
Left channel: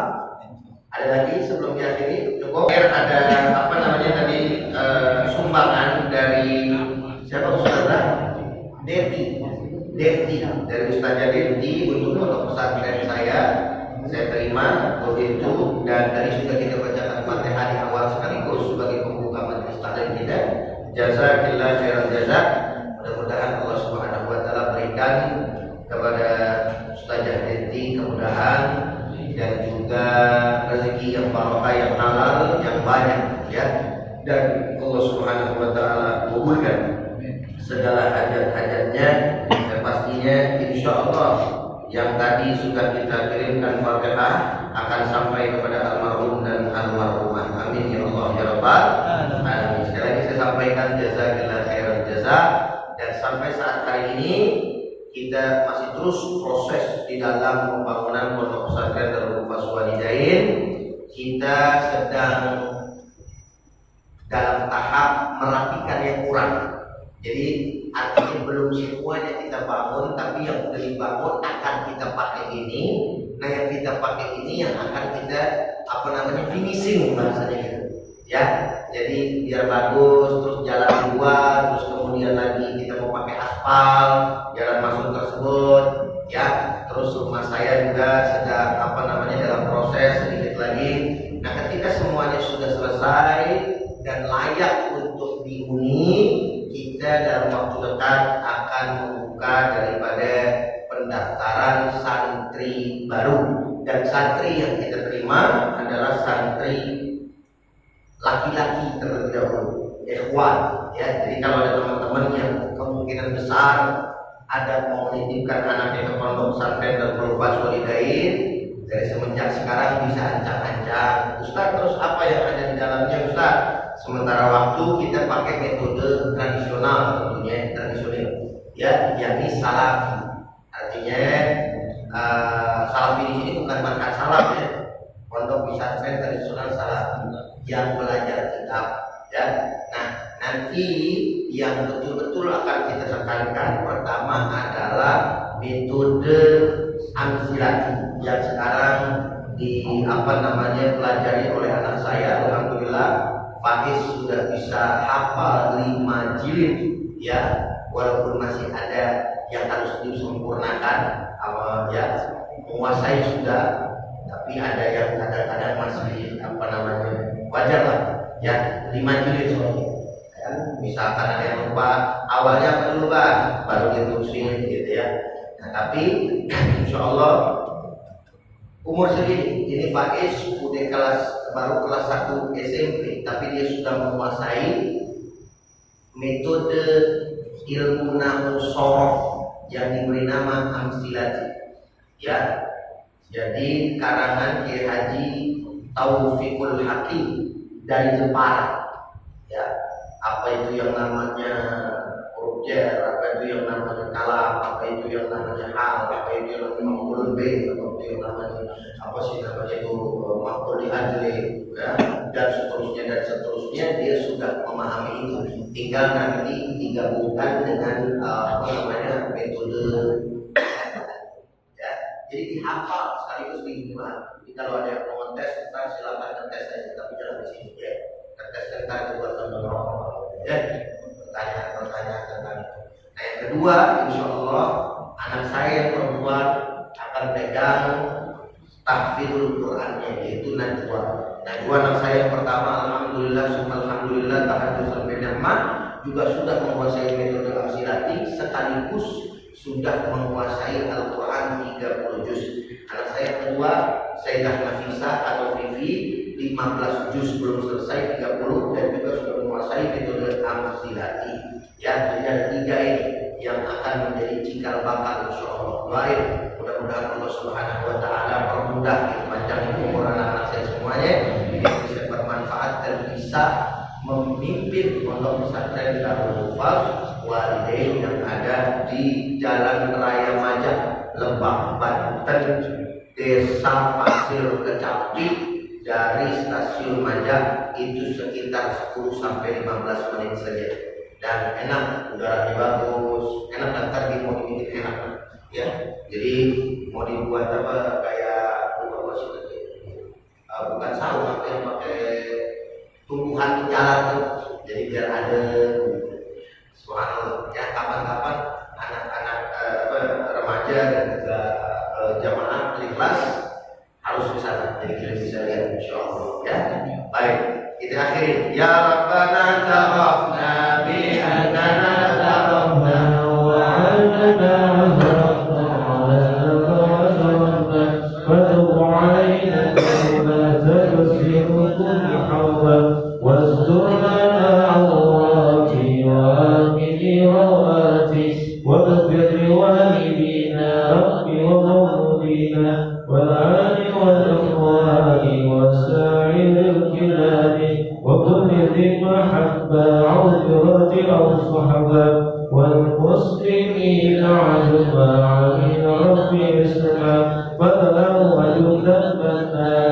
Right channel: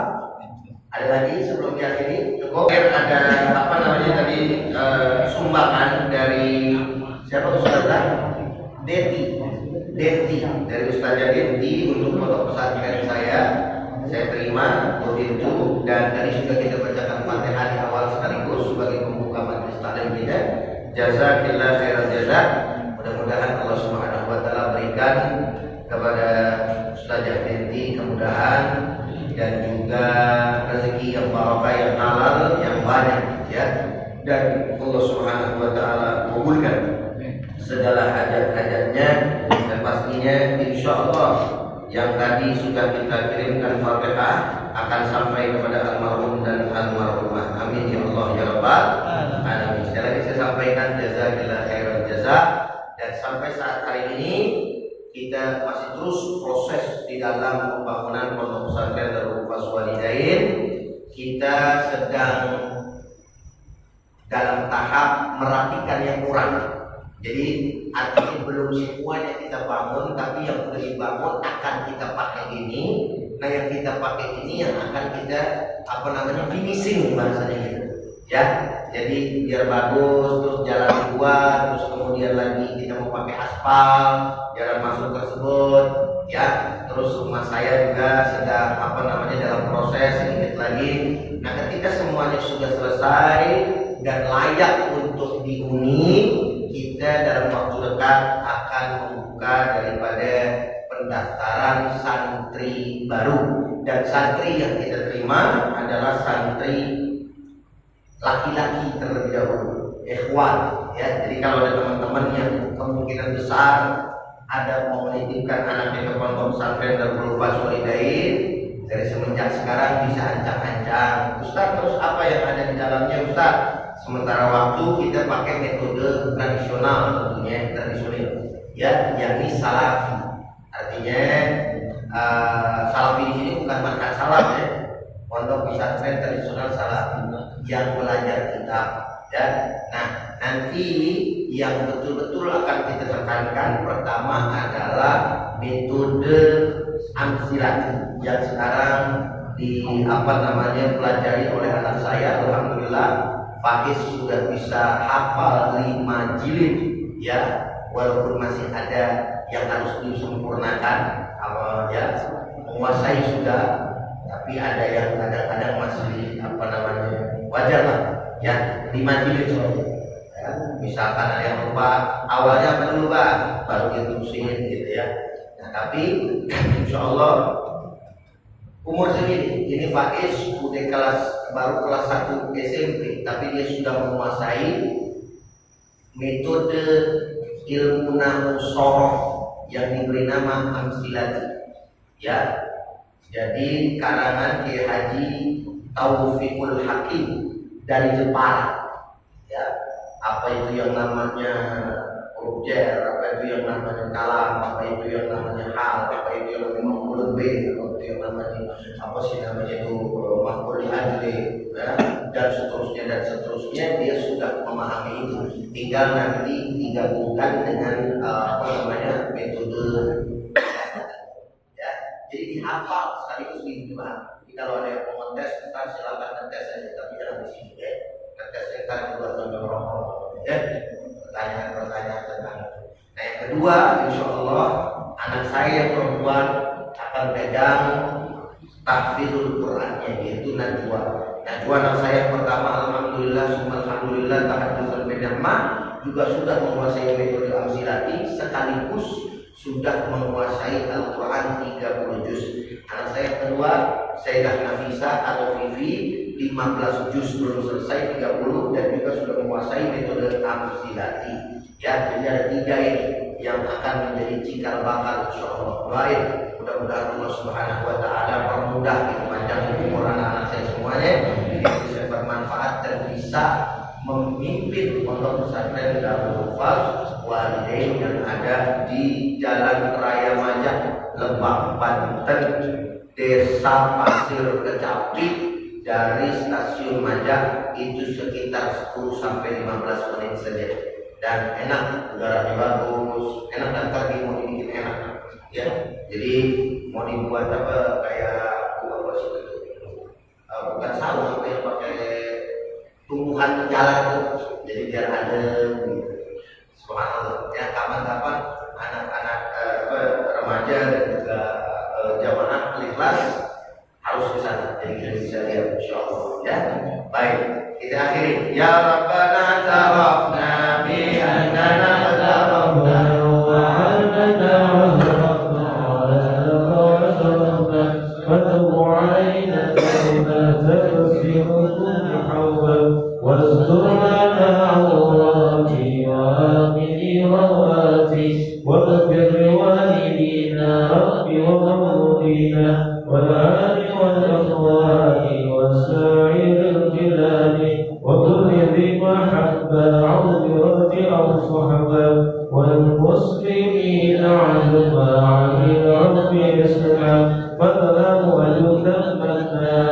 Ada lagi sebelum kita akhiri? Cukup. Ada apa namanya tadi, sumbangan dari siapa Ustazah? Deti dari Ustazah Deti untuk pondok pesantren saya. saya terima begitu. Dan tadi sudah kita bacakan Fatihah di awal sekaligus sebagai pembuka majelis taklim kita. Jazakillah khairan jazak. Mudah-mudahan Allah Subhanahu wa taala berikan kepada Ustazah Denti kemudahan dan juga rezeki yang barokah, yang halal, yang banyak ya. Dan Allah Subhanahu wa taala kabulkan segala hajat-hajatnya. Dan pastinya insyaallah yang tadi sudah kita kirimkan Fatihah akan sampai kepada almarhum dan almarhumah. Amin ya Allah ya rabbal alamin. Sekali lagi saya sampaikan jazakillah khairan jazak. Dan sampai saat hari ini kita masih terus proses di dalam pembangunan Pondok Pesantren Darul Hufaz Walidain. Kita sedang dalam tahap merapikan yang kurang. Jadi artinya belum semuanya kita bangun, tapi yang sudah dibangun akan kita pakai ini. Nah yang kita pakai ini yang akan kita finishing bahasanya gitu. Ya, jadi biar bagus, terus jalan dua, terus kemudian lagi kita mau pakai aspal jalan masuk tersebut, ya. Terus rumah saya juga sedang dalam proses sedikit lagi. Nah ketika semuanya sudah selesai dan layak untuk dihuni, kita dalam waktu dekat akan membuka daripada pendaftaran santri baru. Dan santri yang kita terima adalah santri laki-laki terlebih dahulu, ikhwan ya. Jadi kalau ada teman-teman yang kemungkinan besar ada mau menitipkan anaknya ke Pondok Pesantren Darul Hufaz Walidain, dari semenjak sekarang bisa ancang-ancang, Ustaz terus apa yang ada di dalamnya Ustaz? Sementara waktu kita pakai metode tradisional, tentunya tradisional ya, yakni salafi. Artinya salafi di sini bukan manhaj salaf ya, Pondok Pesantren tradisional salafi yang belajar kitab ya. Nah nanti yang betul-betul akan kita tekankan pertama adalah metode amsilat yang sekarang pelajari oleh anak saya. Alhamdulillah Faiz sudah bisa hafal 5 jilid ya, walaupun masih ada yang harus disempurnakan ya, menguasai sudah, tapi ada yang kadang-kadang masih wajar lah ya, 5 jilid soalnya ya. Misalkan ada yang lupa awalnya apa dulu Pak, baru diterusin gitu ya. Nah tapi insya Allah umur segini ini Faiz udah baru kelas 1 SMP, tapi dia sudah menguasai metode ilmu nahwu soroh yang diberi nama amsilati ya. Jadi karangan Kiai Haji Taufiqul Hakim dari Jepara ya. Apa itu yang namanya huruf jar, apa itu yang namanya kalam, apa itu yang namanya hal, apa itu yang namanya maf'ulun bih, apa itu yang namanya maf'ul li ajli ya, dan seterusnya dia sudah memahami itu. Tinggal nanti digabungkan dengan metode ya. Jadi dihafal sekaligus diterima. Jadi kalau ada yang mau ngetes, ntar silakan ngetes saja, tapi jangan di sini ya. Ngetesnya ntar di luar sambil rokok ya. Pertanyaan tentang itu. Nah yang kedua, insya Allah anak saya yang perempuan akan pegang tahfidzul Qur'annya, yaitu Najwa. Anak saya yang pertama alhamdulillah tahaddusan bi ni'mah juga sudah menguasai metode amsilati sekaligus sudah menguasai Al-Quran 30 juz. Anak saya yang kedua, Sayyidah Nafisa atau Vivi, 15 juz belum selesai 30 dan juga sudah menguasai metode amsilati. Ya, jadi ada 3 ini yang akan menjadi cikal bakal insyaallah. Doain mudah-mudahan Allah Subhanahu wa taala permudah panjang umur anak-anak saya semuanya, bisa bermanfaat dan bisa memimpin Pondok Pesantren Darul Hufaz Walidain yang ada di Jalan Raya Majak, Lebak, Banten, Desa Pasir Kecapi. Dari stasiun Majak itu sekitar 10 sampai 15 menit saja. Dan enak, udaranya bagus, enak, dan tadi mau dibikin enak ya. Jadi mau dibuat kayak bukan saung, apa yang pakai tumbuhan jalan tuh, jadi biar adem gitu. Subhanallah ya. Kapan-kapan anak-anak remaja dan juga jamaah ikhlas terus ke sana. Jadi kita bisa lihat insyaallah ya. Baik, kita akhiri. Ya Rabbana tarafna bi annana tarafna wa annana asrafna ala asrafna fatub alaina tawbatan tuslimukum hawwal wasdur lana awrati wa amini rawati واغفر لوالدينا رب ومولدينا والآل والإخوان وسائر الكلاب وكل ذي محبة أو جرة أو صحبة والمسلمين عزما عمل رب اسلام فلهم وجدا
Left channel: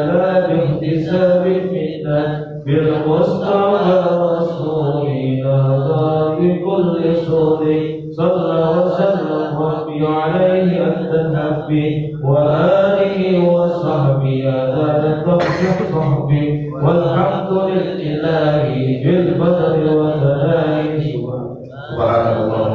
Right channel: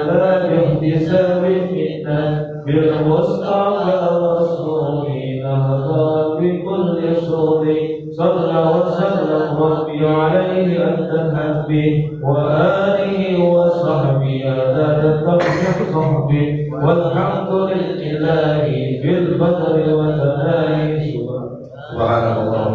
لا باحتساب منا بالمصطفى رسول نهضى بكل صوت صلى وسلم ربي عليه أنت الحبي وآله وصحبه عدد ترجح صحبي والحمد لله في البدر وتناهي سبحان الله.